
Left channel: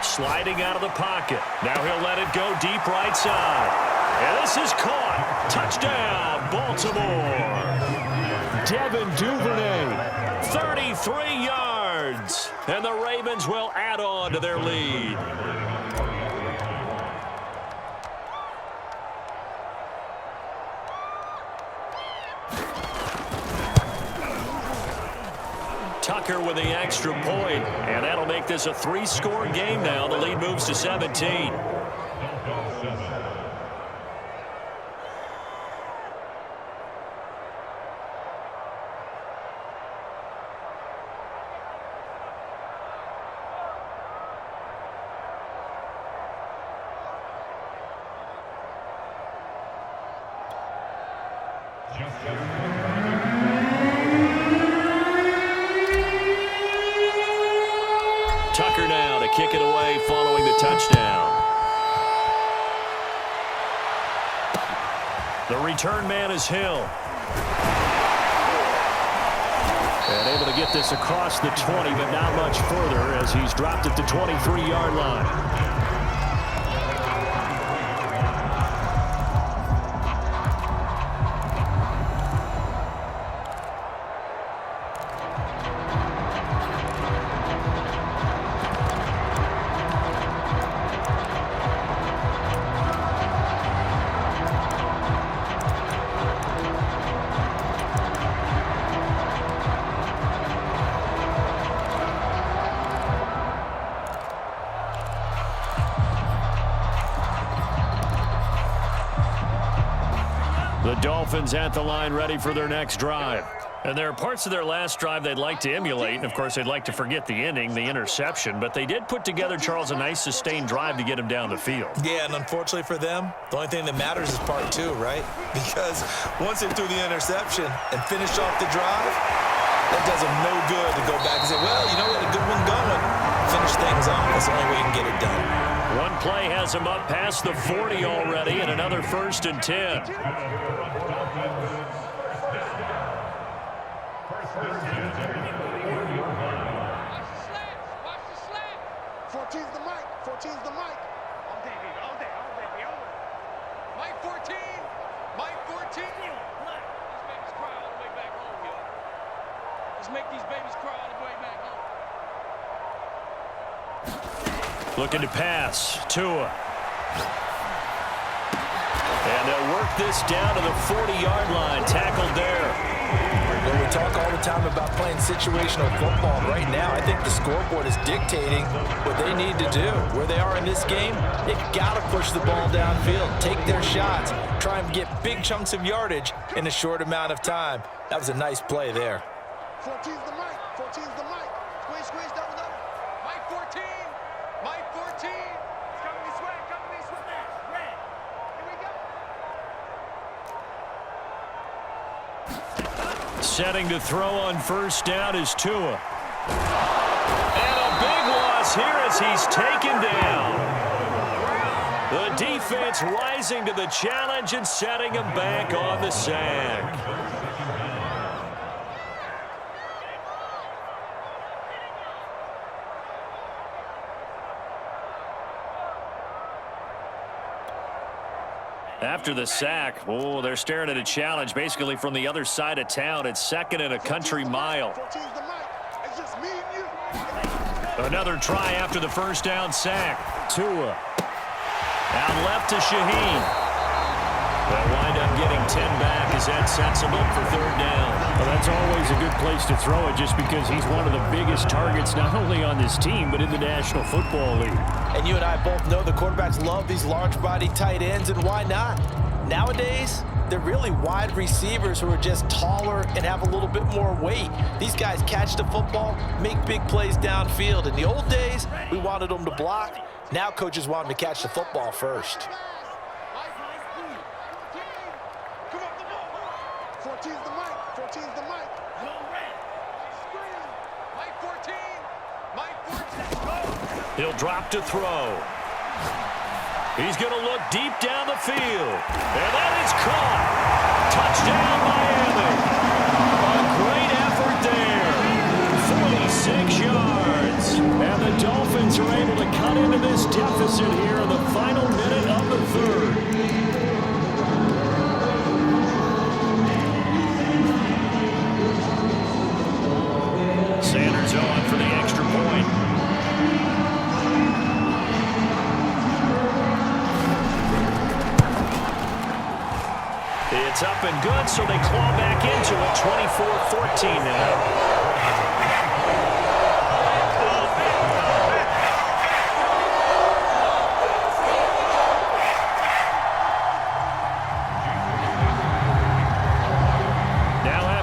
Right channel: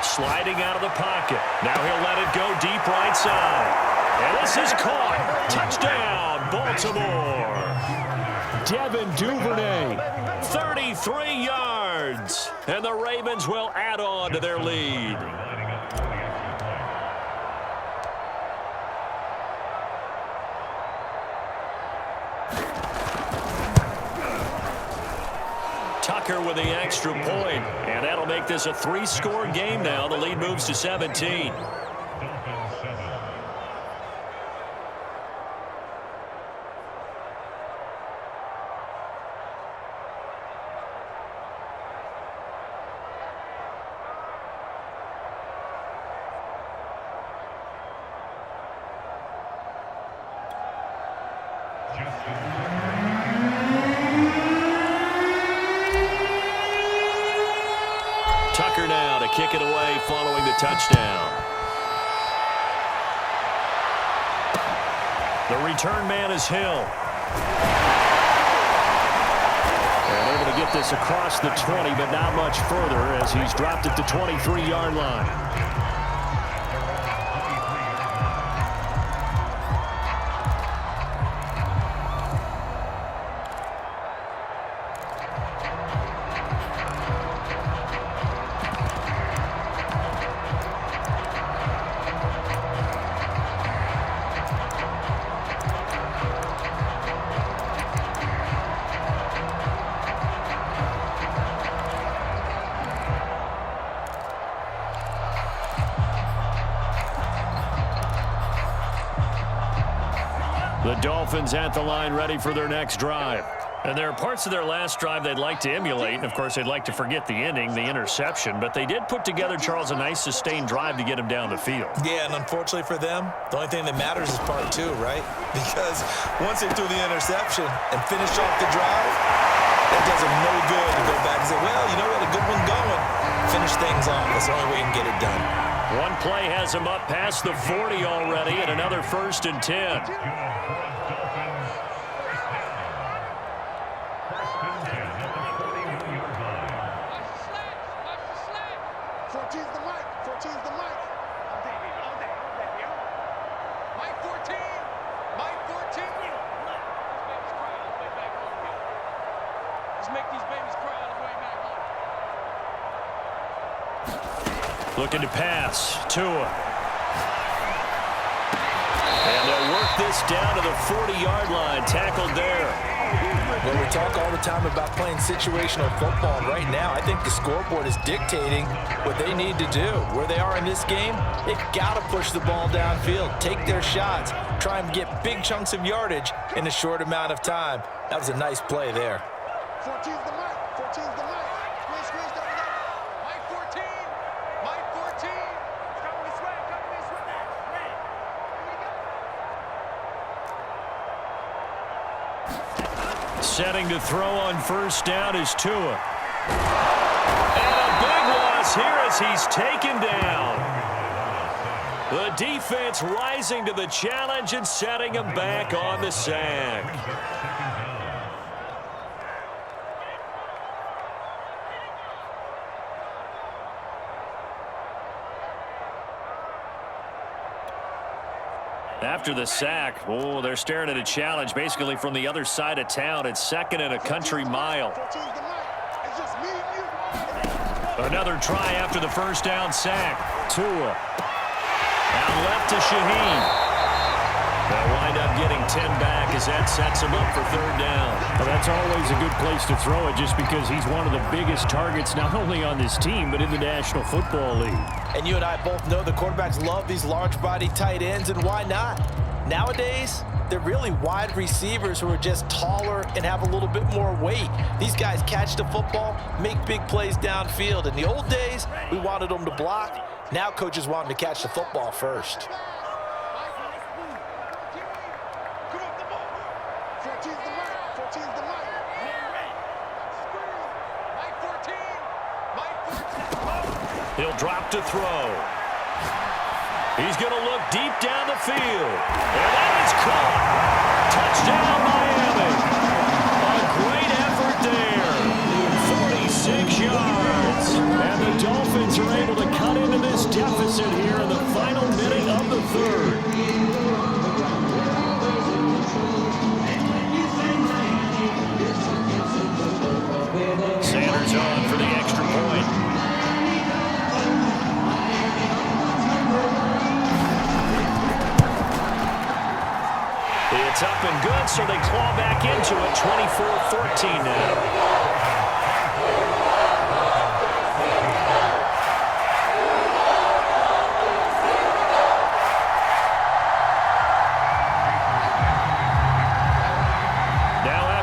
Sliding out of the pocket. Now he'll let it go deep right side. And this is caught. Touchdown, Baltimore. Devin Duvernay, 33 yards. And the Ravens will add on to their lead. Tucker with the extra point, and that'll make this a 3-score game now. The lead moves to 17. Tucker now to kick it away following the touchdown. The return man is Hill. And able to get this across the 20, but not much further as he's dropped at the 23-yard line. The Dolphins at the line ready for their next drive. And there are parts of their last drive they'd like to emulate. And, of course, they'd like to forget the ending, the interception. But they did put together, Charles, a nice sustained drive to get him down the field. Yeah, and unfortunately for them, the only thing that matters is part two, right? Because once they threw the interception and finished off the drive, that does them no good to go back and say, well, you know, we had a good one going. Finish things off. That's the only way you can get it done. One play has him up past the 40 already, and another 1st and 10. Looking to pass. Tua. And they'll work this down to the 40-yard line. Tackled there. Well, we talk all the time about playing situational football. And right now, I think the scoreboard is dictating what they need to do. Where they are in this game, they've got to push the ball downfield, take their shots, try and get big chunks of yardage in a short amount of time. That was a nice play there. 14's the mic. 14's the mic. Squeeze, double. Mike 14. Mike 14. It's coming this way. Red. Here we go. Setting to throw on 1st down is Tua. And a big loss here as he's taken down. The defense rising to the challenge and setting him back on the sack. After the sack, they're staring at a challenge basically from the other side of town. It's 2nd and a country mile. Another try after the 1st down sack. Tua. Out left to Shaheen. They'll wind up getting 10 back as that sets him up for 3rd down. Well, that's always a good place to throw it just because he's one of the biggest targets not only on this team but in the National Football League. And you and I both know the quarterbacks love these large-body tight ends, and why not? Nowadays, they're really wide receivers who are just taller and have a little bit more weight. These guys catch the football, make big plays downfield. In the old days, we wanted them to block. Now coaches want them to catch the football first. 14's the mic. 14's the mic. Mike 14. Mike 14. He'll drop to throw. He's going to look deep down the field. And that is caught. Touchdown, Miami. A great effort there. 46 yards. And the Dolphins are able to cut into this deficit here in the final minute of the 3rd. Sanders on for the extra point. It's up and good, so they claw back into it. 24-14 now.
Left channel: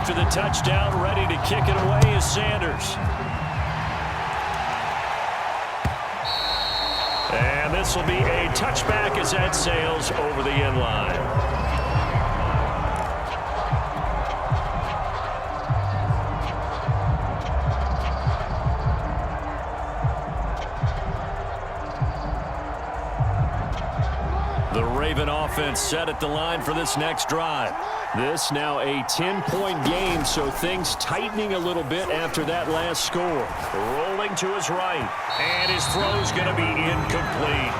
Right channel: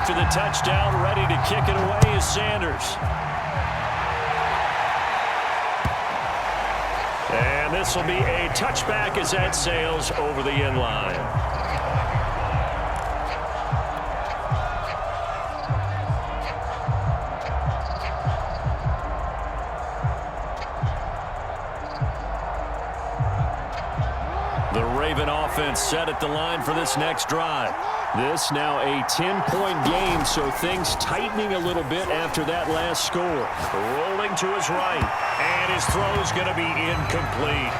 After the touchdown, ready to kick it away is Sanders. And this will be a touchback as that sails over the end line. The Raven offense set at the line for this next drive. This now a 10-point game, so things tightening a little bit after that last score. Rolling to his right, and his throw's going to be incomplete.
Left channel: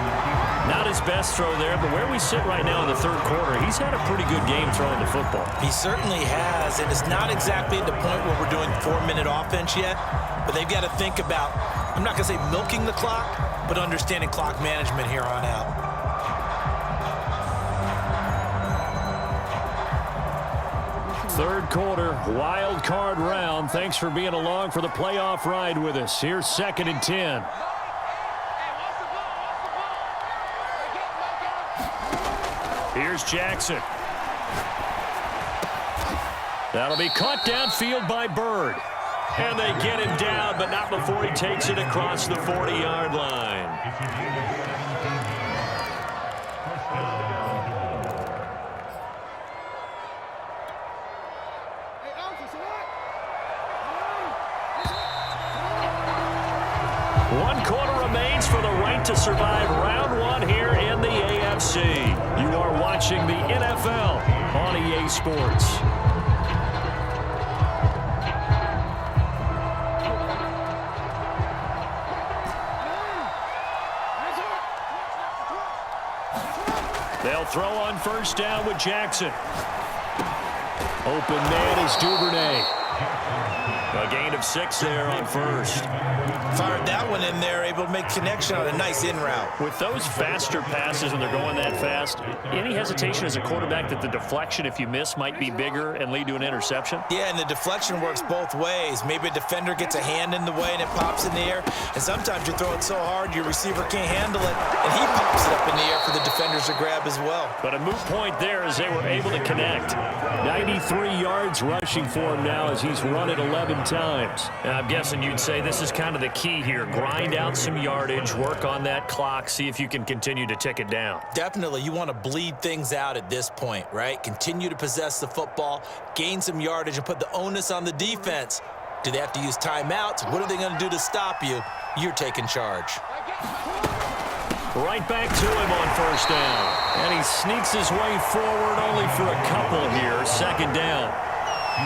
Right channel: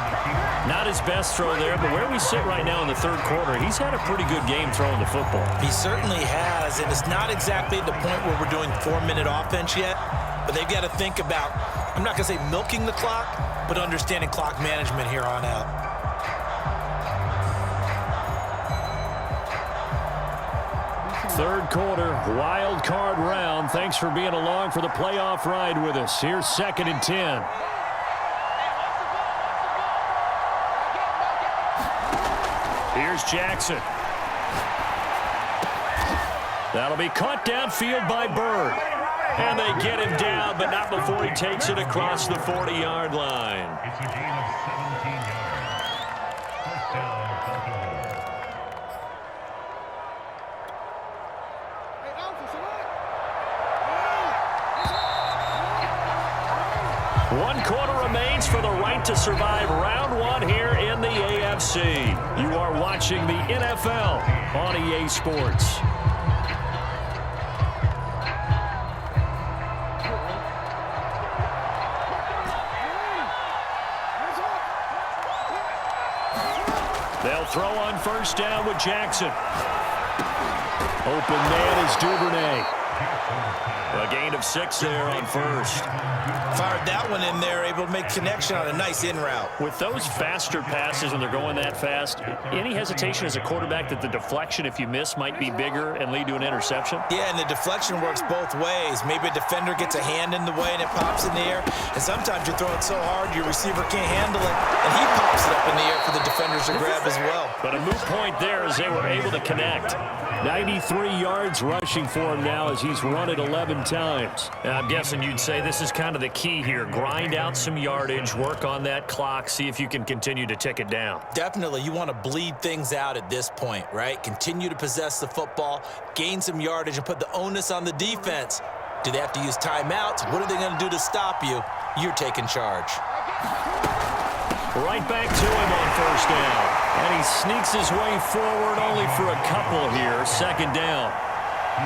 Not his best throw there, but where we sit right now in the 3rd quarter, he's had a pretty good game throwing the football. He certainly has, and it's not exactly at the point where we're doing 4-minute offense yet, but they've got to think about, I'm not going to say milking the clock, but understanding clock management here on out. Third quarter, wild card round. Thanks for being along for the playoff ride with us. Here's 2nd and 10. Here's Jackson. That'll be caught downfield by Bird. And they get him down, but not before he takes it across the 40-yard line. One quarter remains for the right to survive round one here in the AFC. You are watching the NFL on EA Sports. They'll throw on first down with Jackson. Open man is Duvernay. A gain of 6 there on first. Fired that one in there, able to make connection on a nice in route. With those faster passes when they're going that fast, any hesitation as a quarterback that the deflection, if you miss, might be bigger and lead to an interception? Yeah, and the deflection works both ways. Maybe a defender gets a hand in the way and it pops in the air. And sometimes you're throwing so hard your receiver can't handle it, and he pops it up in the air for the defenders to grab as well. But a moot point there as they were able to connect. 93 yards rushing for him now as he's run it 11 times. And I'm guessing you'd say this is kind of the key here. Grind out some yardage, work on that clock, see if you can continue to tick it down. Definitely, you want to bleed things out at this point, right? Continue to possess the football, gain some yardage, and put the onus on the defense. Do they have to use timeouts? What are they going to do to stop you? You're taking charge. Right back to him on first down. And he sneaks his way forward only for a couple here. Second down.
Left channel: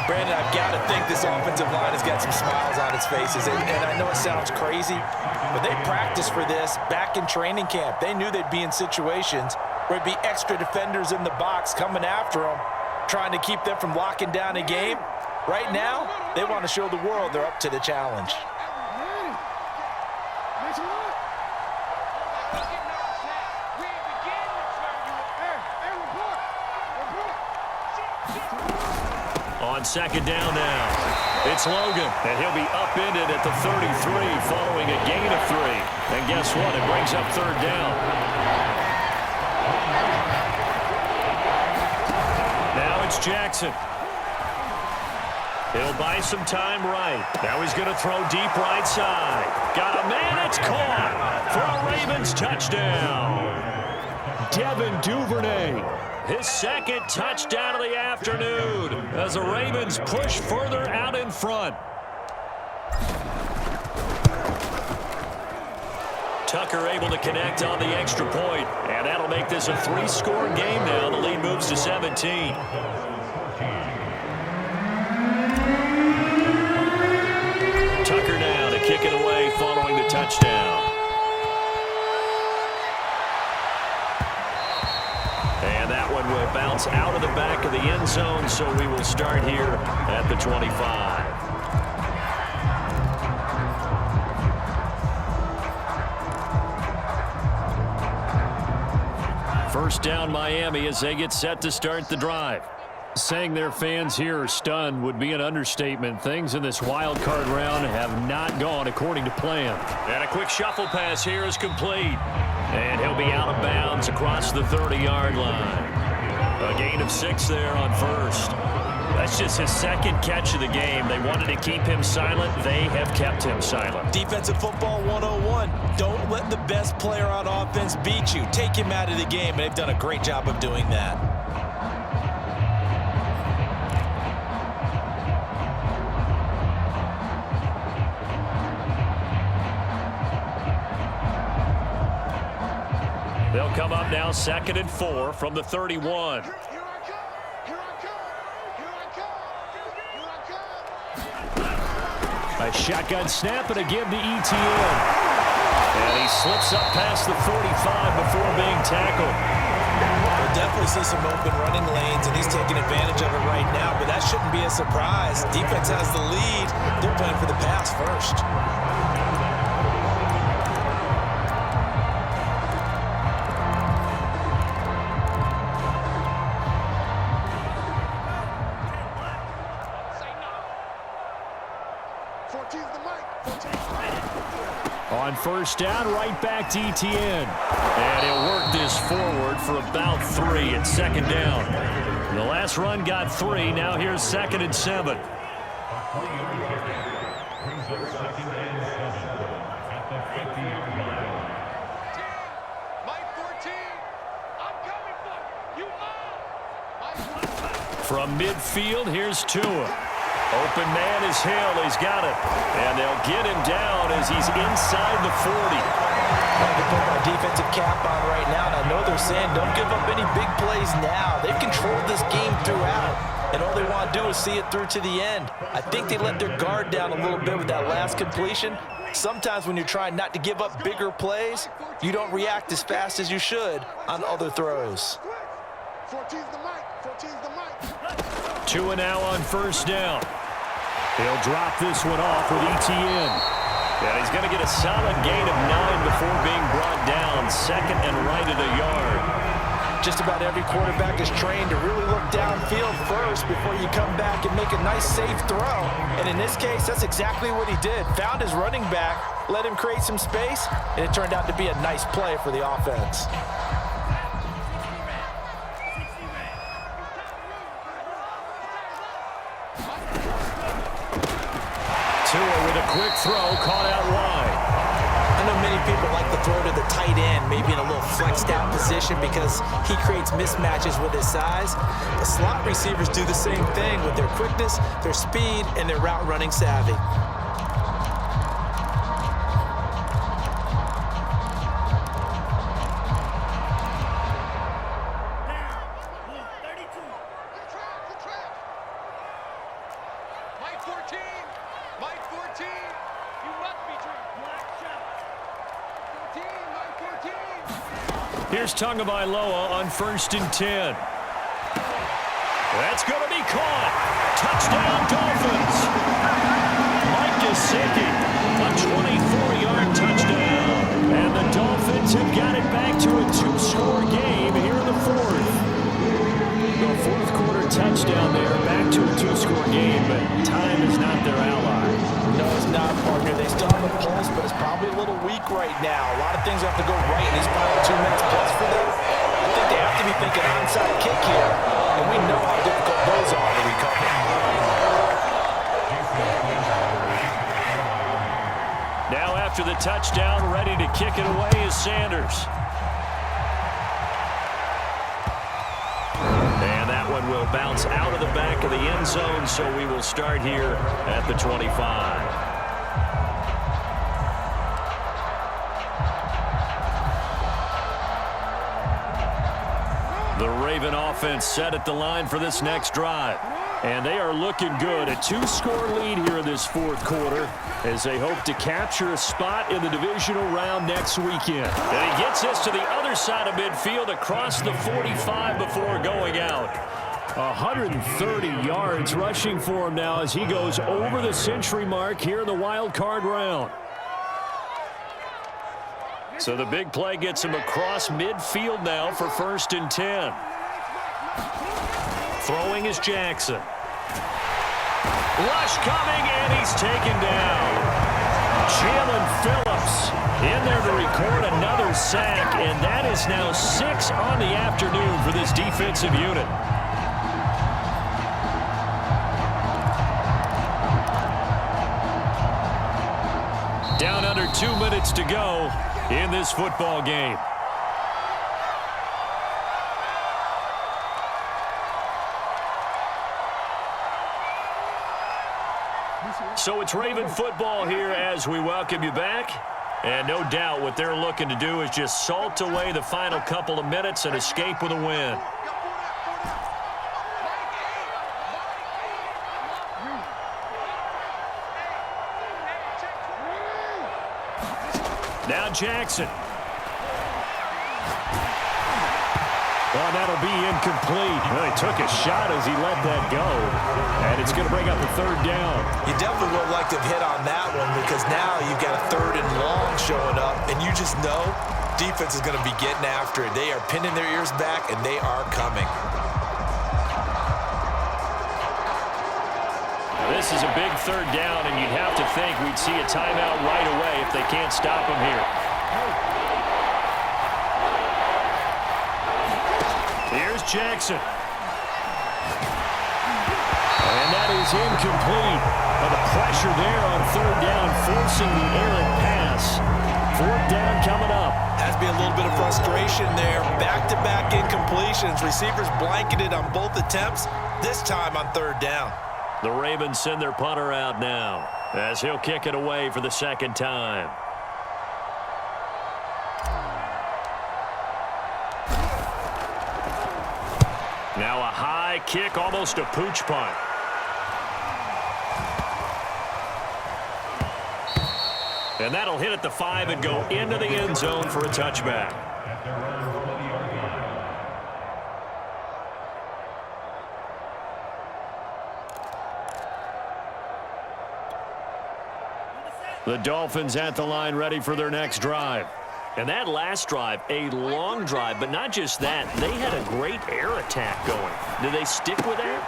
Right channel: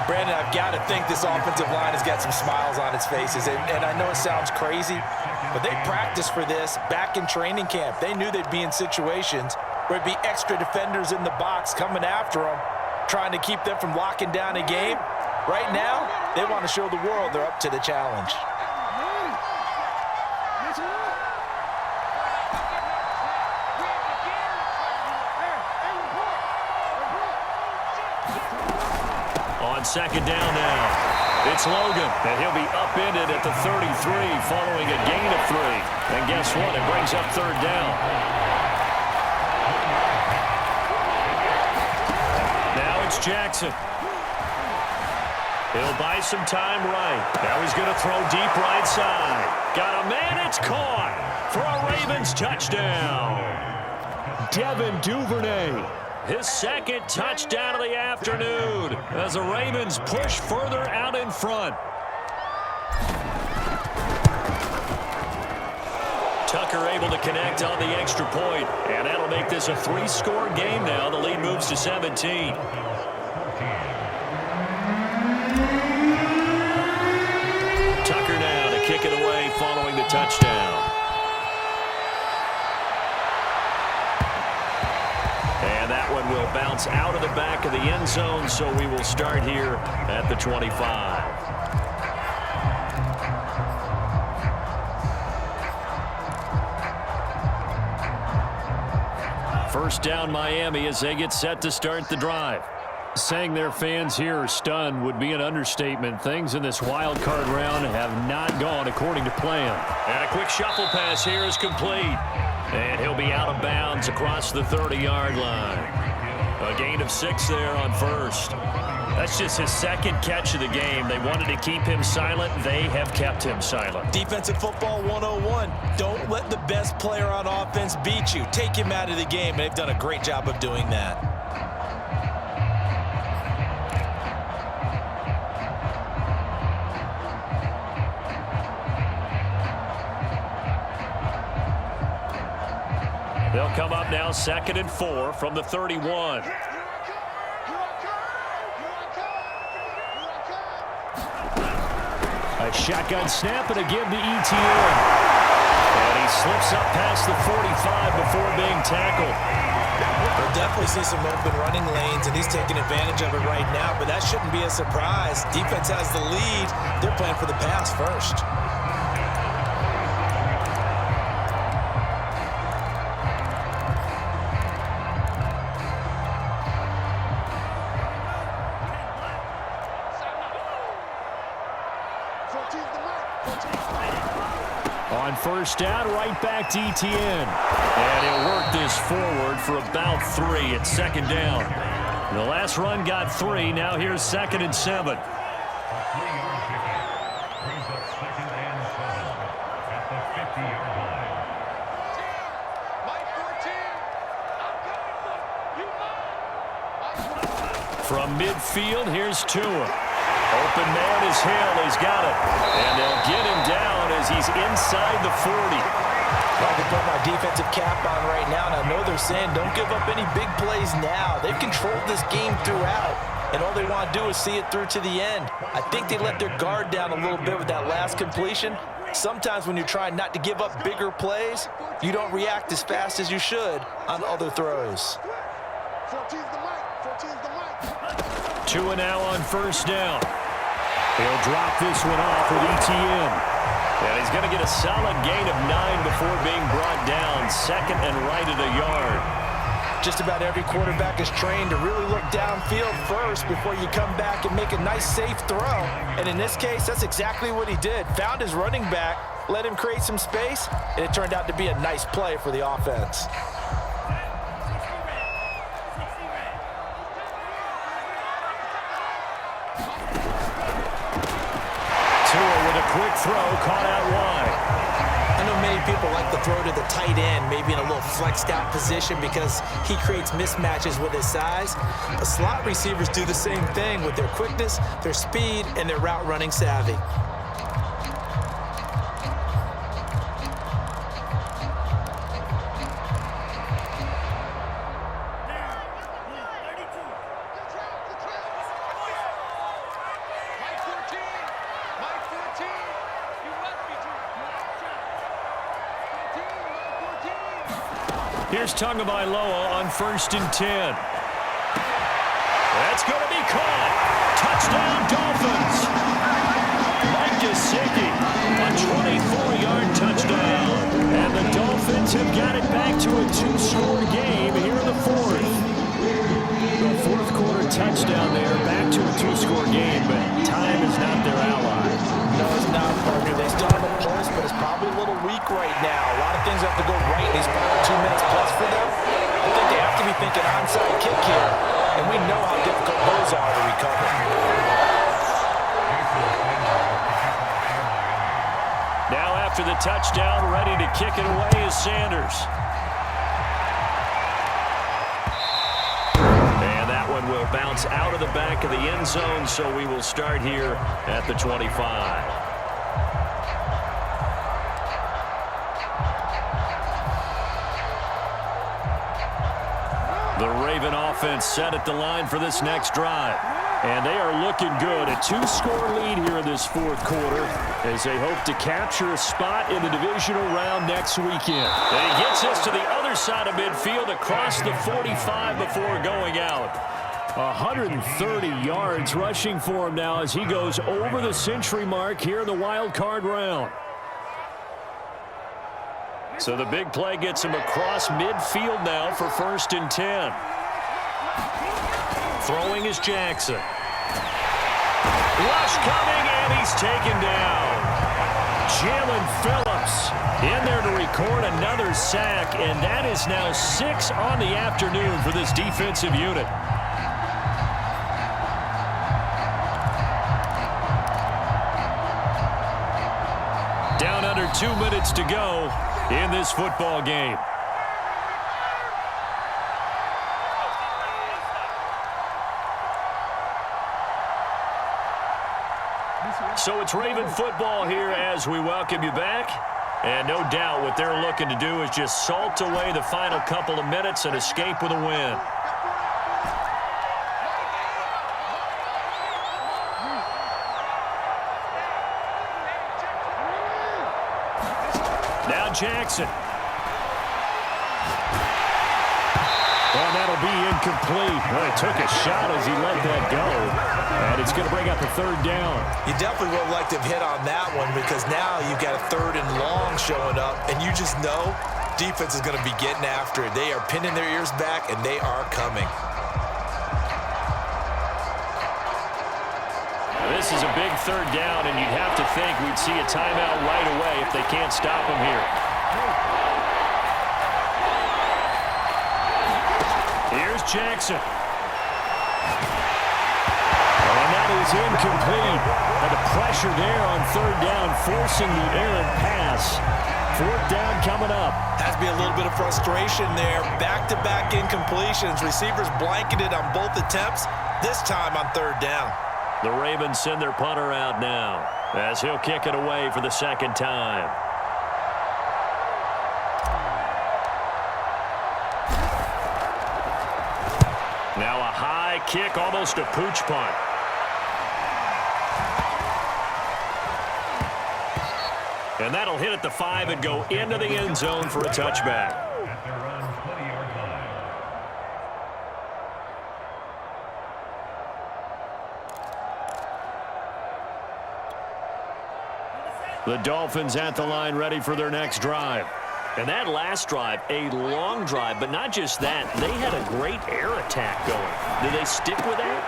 Brandon, I've got to think this offensive line has got some smiles on its faces. And I know it sounds crazy, but they practiced for this back in training camp. They knew they'd be in situations where it'd be extra defenders in the box coming after them, trying to keep them from locking down a game. Right now, they want to show the world they're up to the challenge. On second down now, it's Logan, and he'll be upended at the 33 following a gain of 3. And guess what? It brings up third down. Now it's Jackson. He'll buy some time right. Now he's going to throw deep right side. Got a man, it's caught for a Ravens touchdown. Devin Duvernay. His second touchdown of the afternoon as the Ravens push further out in front. Tucker able to connect on the extra point, and that'll make this a 3-score game now. The lead moves to 17. Tucker now to kick it away following the touchdown. And that one will bounce out of the back of the end zone, so we will start here at the 25. First down Miami as they get set to start the drive. Saying their fans here are stunned would be an understatement. Things in this wild card round have not gone according to plan. And a quick shuffle pass here is complete. And he'll be out of bounds across the 30-yard line. A gain of 6 there on first. That's just his second catch of the game. They wanted to keep him silent. They have kept him silent. Defensive football 101. Don't let the best player on offense beat you. Take him out of the game. They've done a great job of doing that. They'll come up now 2nd and 4 from the 31. A shotgun snap and a give to ETN. And he slips up past the 45 before being tackled. We'll definitely see some open running lanes, and he's taking advantage of it right now, but that shouldn't be a surprise. Defense has the lead. They're playing for the pass first. On first down, right back to ETN. And he'll work this forward for about 3 at second down. The last run got 3. Now here's 2nd and 7. A 3-yard pickup brings up 2nd and 7 at the 50-yard line. Mike 14. I'm coming for you, Mike. From midfield, here's Tua. Open man is Hill. He's got it. And they'll get him down as he's inside the 40. I can put my defensive cap on right now, and I know they're saying don't give up any big plays now. They've controlled this game throughout, and all they want to do is see it through to the end. I think they let their guard down a little bit with that last completion. Sometimes when you're trying not to give up bigger plays, you don't react as fast as you should on other throws. 14's the mic. 14's the mic. Tua now on 1st down. He'll drop this one off with ETN. And he's going to get a solid gain of 9 before being brought down. 2nd and right at a yard. Just about every quarterback is trained to really look downfield first before you come back and make a nice, safe throw. And in this case, that's exactly what he did. Found his running back, let him create some space, and it turned out to be a nice play for the offense. Tua with a quick throw, caught out wide. I know many people like to throw to the tight end, maybe in a little flexed out position because he creates mismatches with his size. But slot receivers do the same thing with their quickness, their speed, and their route running savvy. Mike 14. Mike 14. You must be dreaming. 14. Mike 14. Here's Tagovailoa on 1st and 10. That's going to be caught. Touchdown, Dolphins. Mike Gesicki, a 24-yard touchdown. And the Dolphins have got it back to a 2-score game here in the 4th. The 4th quarter touchdown there, back to a 2-score game, but time is not their ally. No, it's not, partner. They still have a pulse, but it's probably a little weak right now. A lot of things have to go right in these final 2 minutes plus for them. I think they have to be thinking onside kick here, and we know how difficult those are to recover. Now after the touchdown, ready to kick it away is Sanders. And that one will bounce out of the back of the end zone, so we will start here at the 25. The Raven offense set at the line for this next drive. And they are looking good. A 2-score lead here in this 4th quarter as they hope to capture a spot in the divisional round next weekend. And he gets this to the other side of midfield across the 45 before going out. 130 yards rushing for him now as he goes over the century mark here in the wild card round. So the big play gets him across midfield now for 1st and 10. Throwing is Jackson. Rush coming, and he's taken down. Jalen Phillips in there to record another sack, and that is now 6 on the afternoon for this defensive unit. Down under 2 minutes to go in this football game. So it's Raven football here as we welcome you back. And no doubt what they're looking to do is just salt away the final couple of minutes and escape with a win. Now Jackson. Oh, that'll be incomplete. Well, he took a shot as he let that go. And it's going to bring up a 3rd down. You definitely would have liked to have hit on that one because now you've got a 3rd and long showing up, and you just know defense is going to be getting after it. They are pinning their ears back, and they are coming. Now, this is a big 3rd down, and you'd have to think we'd see a timeout right away if they can't stop him here. Here's Jackson. And that is incomplete. But the pressure there on third down, forcing the errant pass. Fourth down coming up. Has to be a little bit of frustration there. Back-to-back incompletions. Receivers blanketed on both attempts, this time on third down. The Ravens send their punter out now as he'll kick it away for the second time. Now a high kick, almost a pooch punt. And that'll hit at the 5 and go into the end zone for a touchback. At their own 20-yard line. The Dolphins at the line, ready for their next drive. And that last drive, a long drive, but not just that. They had a great air attack going. Do they stick with that?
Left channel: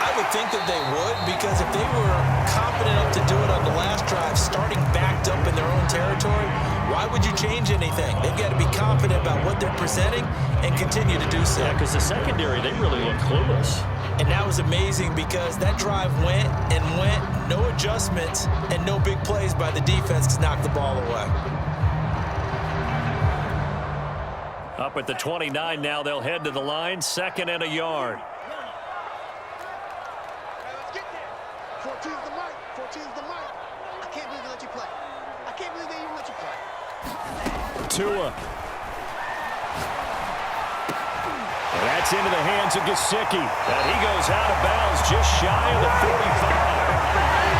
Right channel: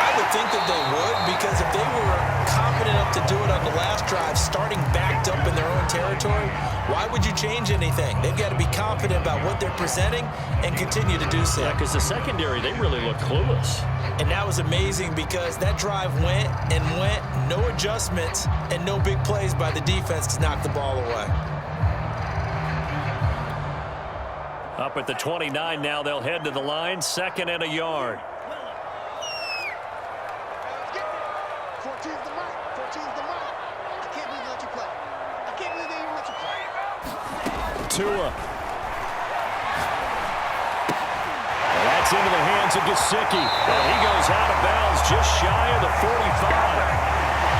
I would think that they would, because if they were confident enough to do it on the last drive, starting backed up in their own territory, why would you change anything? They've got to be confident about what they're presenting and continue to do so. Yeah, because the secondary, they really look clueless. And that was amazing because that drive went and went, no adjustments, and no big plays by the defense to knock the ball away. Up at the 29 now, they'll head to the line, 2nd and a yard. 14's the mic. 14's the mic. I can't believe they let you play. I can't believe they even let you play. Tua. And that's into the hands of Gesicki. And he goes out of bounds just shy of the 45.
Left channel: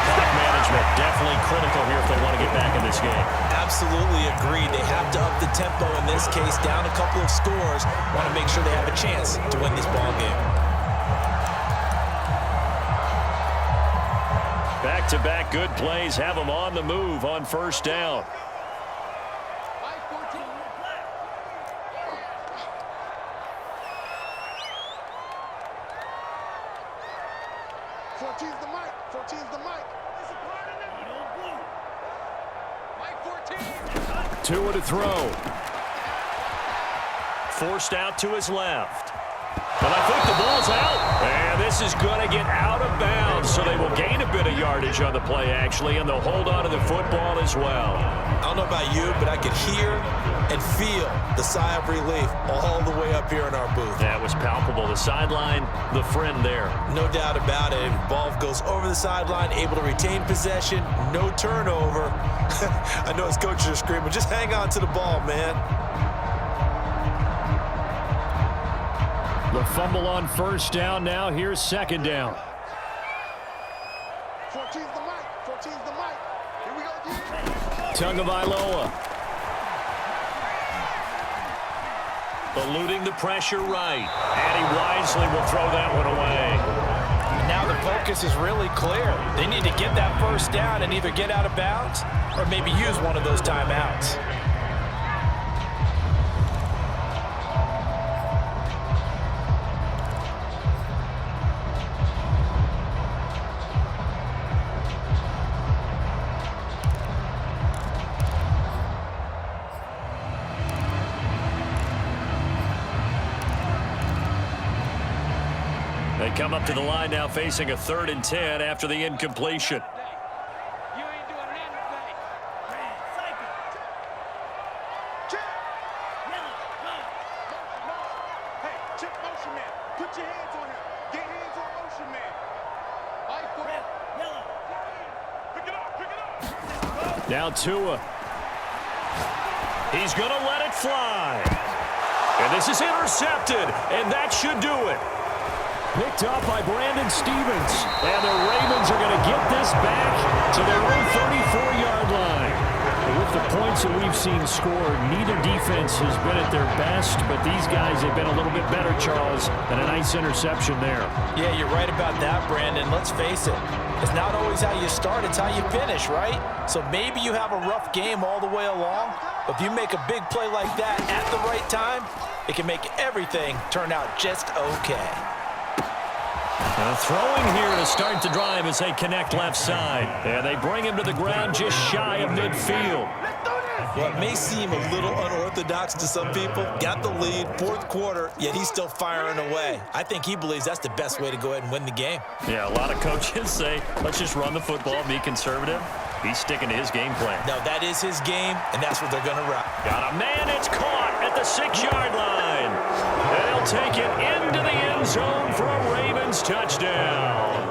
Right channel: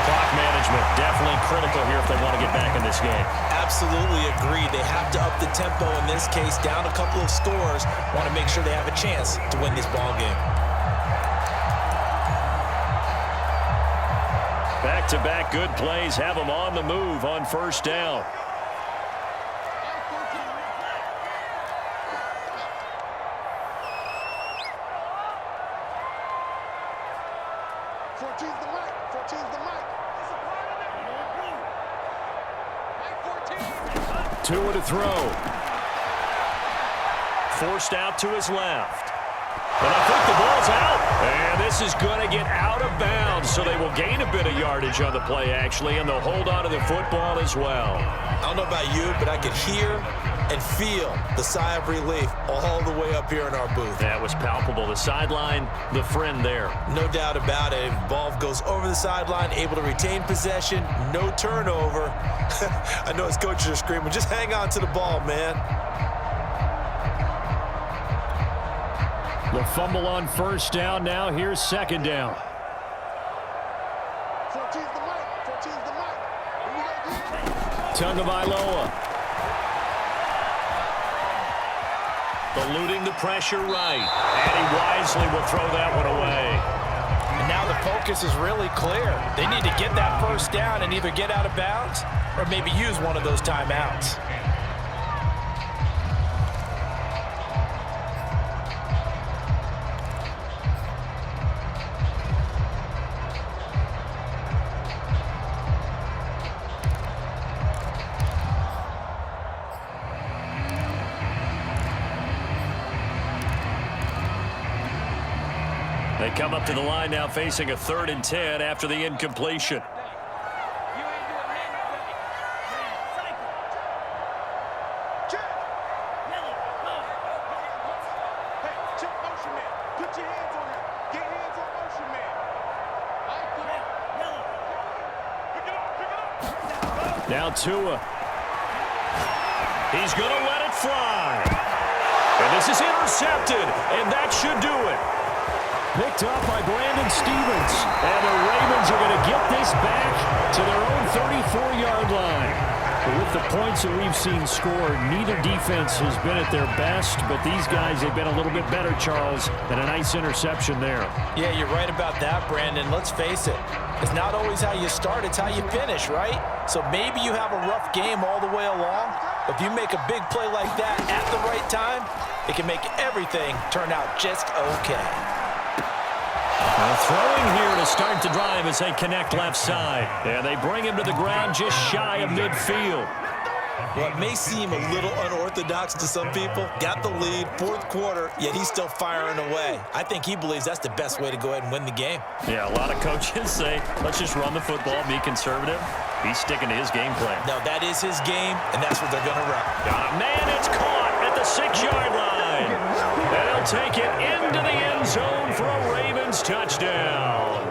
Clock management definitely critical here if they want to get back in this game. Absolutely agreed. They have to up the tempo in this case, down a couple of scores. Want to make sure they have a chance to win this ball game. Back-to-back good plays have them on the move on first down. The mic. 14's the mic. It's a part of it. Mike 14. Tua to throw. Forced out to his left. And I think the ball's out. And this is going to get out of bounds, so they will gain a bit of yardage on the play, actually, and they'll hold on to the football as well. I don't know about you, but I could hear and feel the sigh of relief all the way up here in our booth. That was palpable. The sideline, the friend there. No doubt about it. Ball goes over the sideline, able to retain possession, no turnover. I know his coaches are screaming, just hang on to the ball, man. The fumble on first down now. Here's second down. 14's the mic. 14's the mic. Here we go, D. Tagovailoa. Eluding the pressure right. And he wisely will throw that one away. And now the focus is really clear. They need to get that first down and either get out of bounds or maybe use one of those timeouts. They come up to the line now facing a 3rd and 10 after the incompletion. You ain't doing nothing today. Cycle. Check. Yellow. Go. Motion. Hey, check motion man. Put your hands on him. Get hands on motion man. Right foot. Yellow. Pick it up. Pick it up. Now Tua. He's going to let it fly. And this is intercepted. And that should do it. Picked up by Brandon Stevens. And the Ravens are going to get this back to their own 34-yard line. But with the points that we've seen scored, neither defense has been at their best. But these guys, they've been a little bit better, Charles, and a nice interception there. Yeah, you're right about that, Brandon. Let's face it. It's not always how you start, it's how you finish, right? So maybe you have a rough game all the way along, but if you make a big play like that at the right time, it can make everything turn out just okay. Now throwing here to start the drive as they connect left side. And they bring him to the ground just shy of midfield. Well, it may seem a little unorthodox to some people. Got the lead, fourth quarter, yet he's still firing away. I think he believes that's the best way to go ahead and win the game. Yeah, a lot of coaches say, let's just run the football, be conservative. He's sticking to his game plan. No, that is his game, and that's what they're going to run. Got a man, it's caught at the 6-yard line. And he'll take it into the end zone for a Ravens touchdown.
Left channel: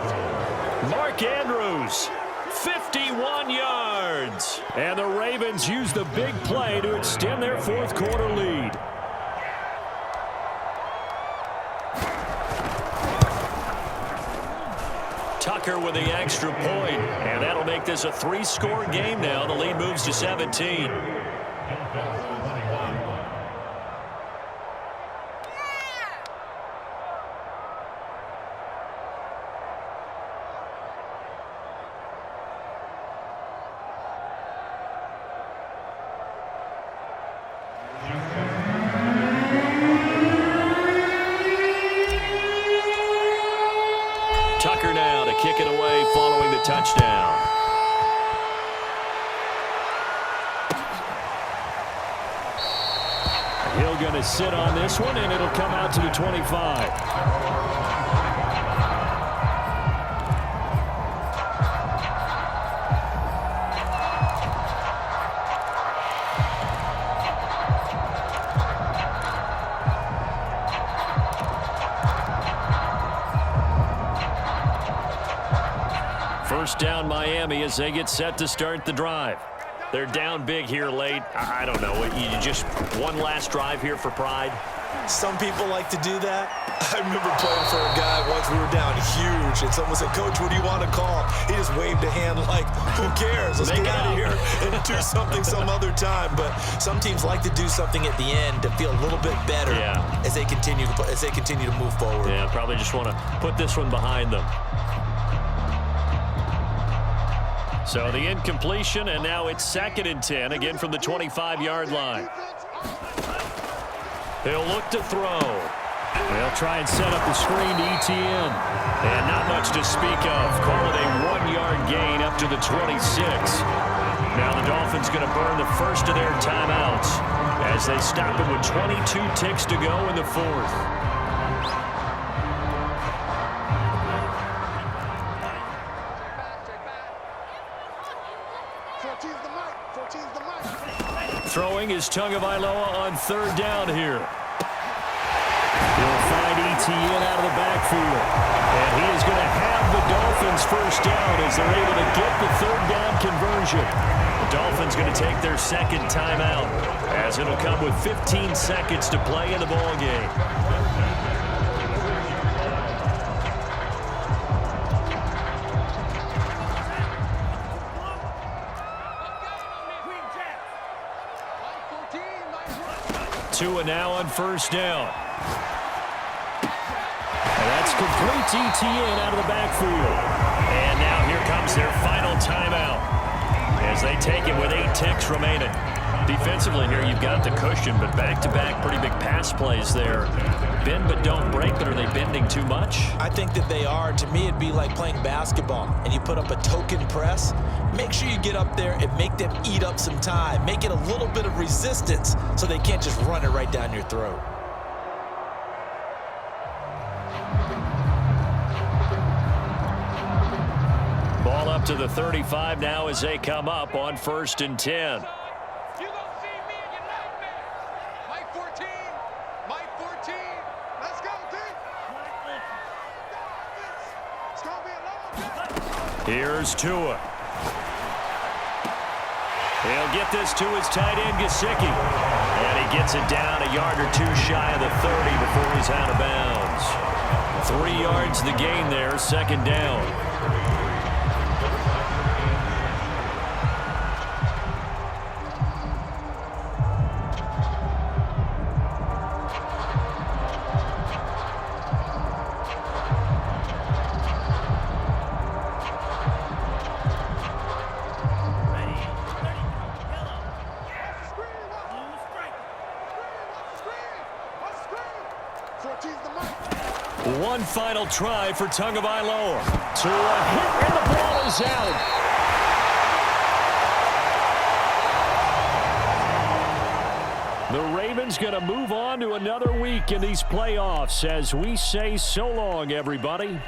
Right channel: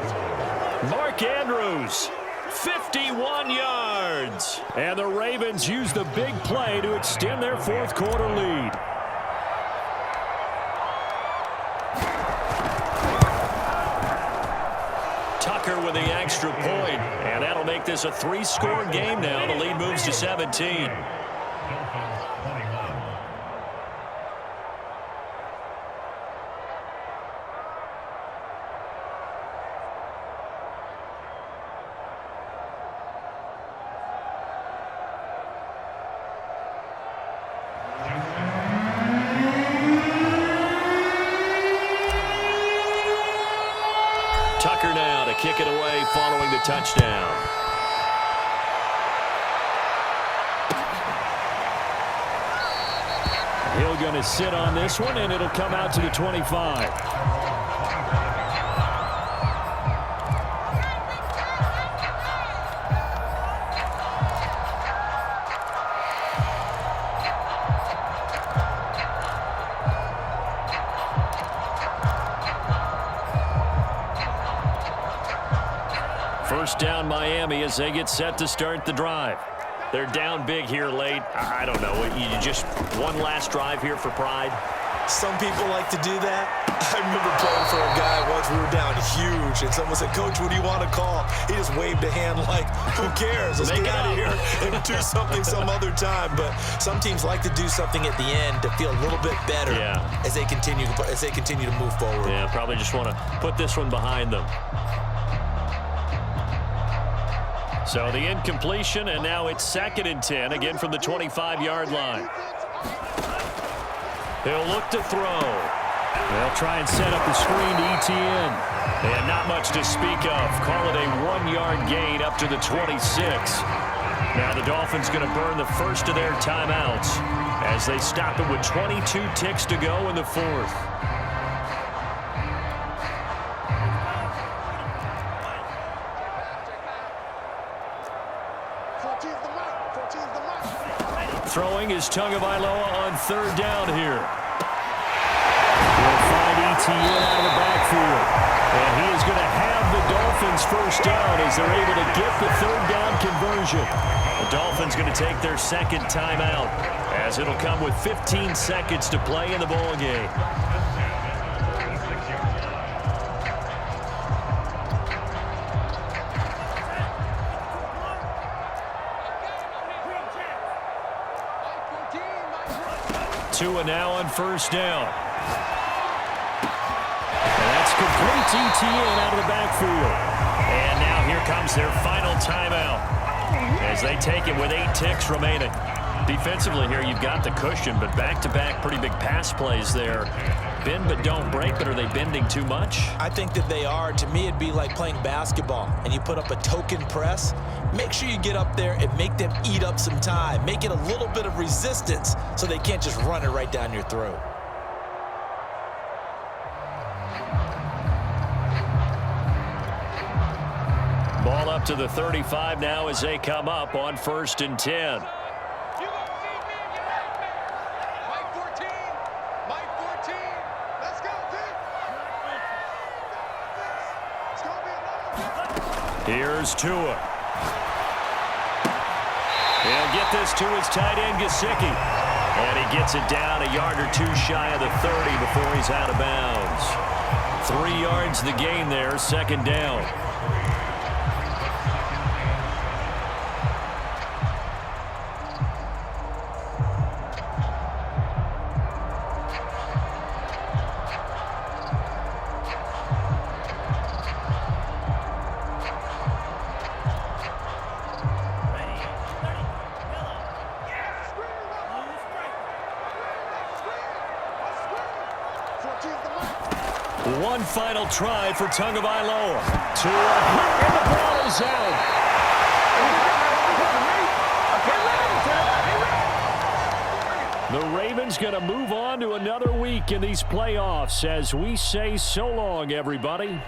Mark Andrews, 51 yards. And the Ravens use the big play to extend their fourth quarter lead. Tucker with the extra point, and that'll make this a 3-score game now. The lead moves to 17. Tucker now to kick it away following the touchdown. He'll going to sit on this one, and it'll come out to the 25. First down Miami as they get set to start the drive. They're down big here late. I don't know. You just one last drive here for pride? Some people like to do that. I remember playing for a guy once. We were down huge, and someone said, "Coach, what do you want to call?" He just waved a hand like, who cares? Let's get out of here and do something some other time. But some teams like to do something at the end to feel a little bit better as they continue to move forward. Yeah, probably just want to put this one behind them. So the incompletion, and now it's 2nd and 10, again from the 25-yard line. He'll look to throw. They'll try and set up the screen to ETN. And not much to speak of. Call it a 1-yard gain up to the 26. Now the Dolphins going to burn the first of their timeouts as they stop it with 22 ticks to go in the fourth. Throwing is Tagovailoa on 3rd down here. He'll find ETN out of the backfield. And he is going to have the Dolphins first down as they're able to get the 3rd down conversion. The Dolphins going to take their 2nd timeout as it'll come with 15 seconds to play in the ball game. Tua now on 1st down. And that's complete to ETN out of the backfield. And now here comes their final timeout as they take it with 8 ticks remaining. Defensively here, you've got the cushion, but back-to-back pretty big pass plays there. Bend but don't break, but are they bending too much? I think that they are. To me, it'd be like playing basketball, and you put up a token press. Make sure you get up there and make them eat up some time. Make it a little bit of resistance so they can't just run it right down your throat. Ball up to the 35 now as they come up on 1st and 10. Here's Tua. He'll get this to his tight end, Gesicki. And he gets it down a yard or 2 shy of the 30 before he's out of bounds. 3 yards the gain there, 2nd down. One final try for Tagovailoa. To a hit, and the ball is out. The Ravens going to move on to another week in these playoffs as we say so long, everybody.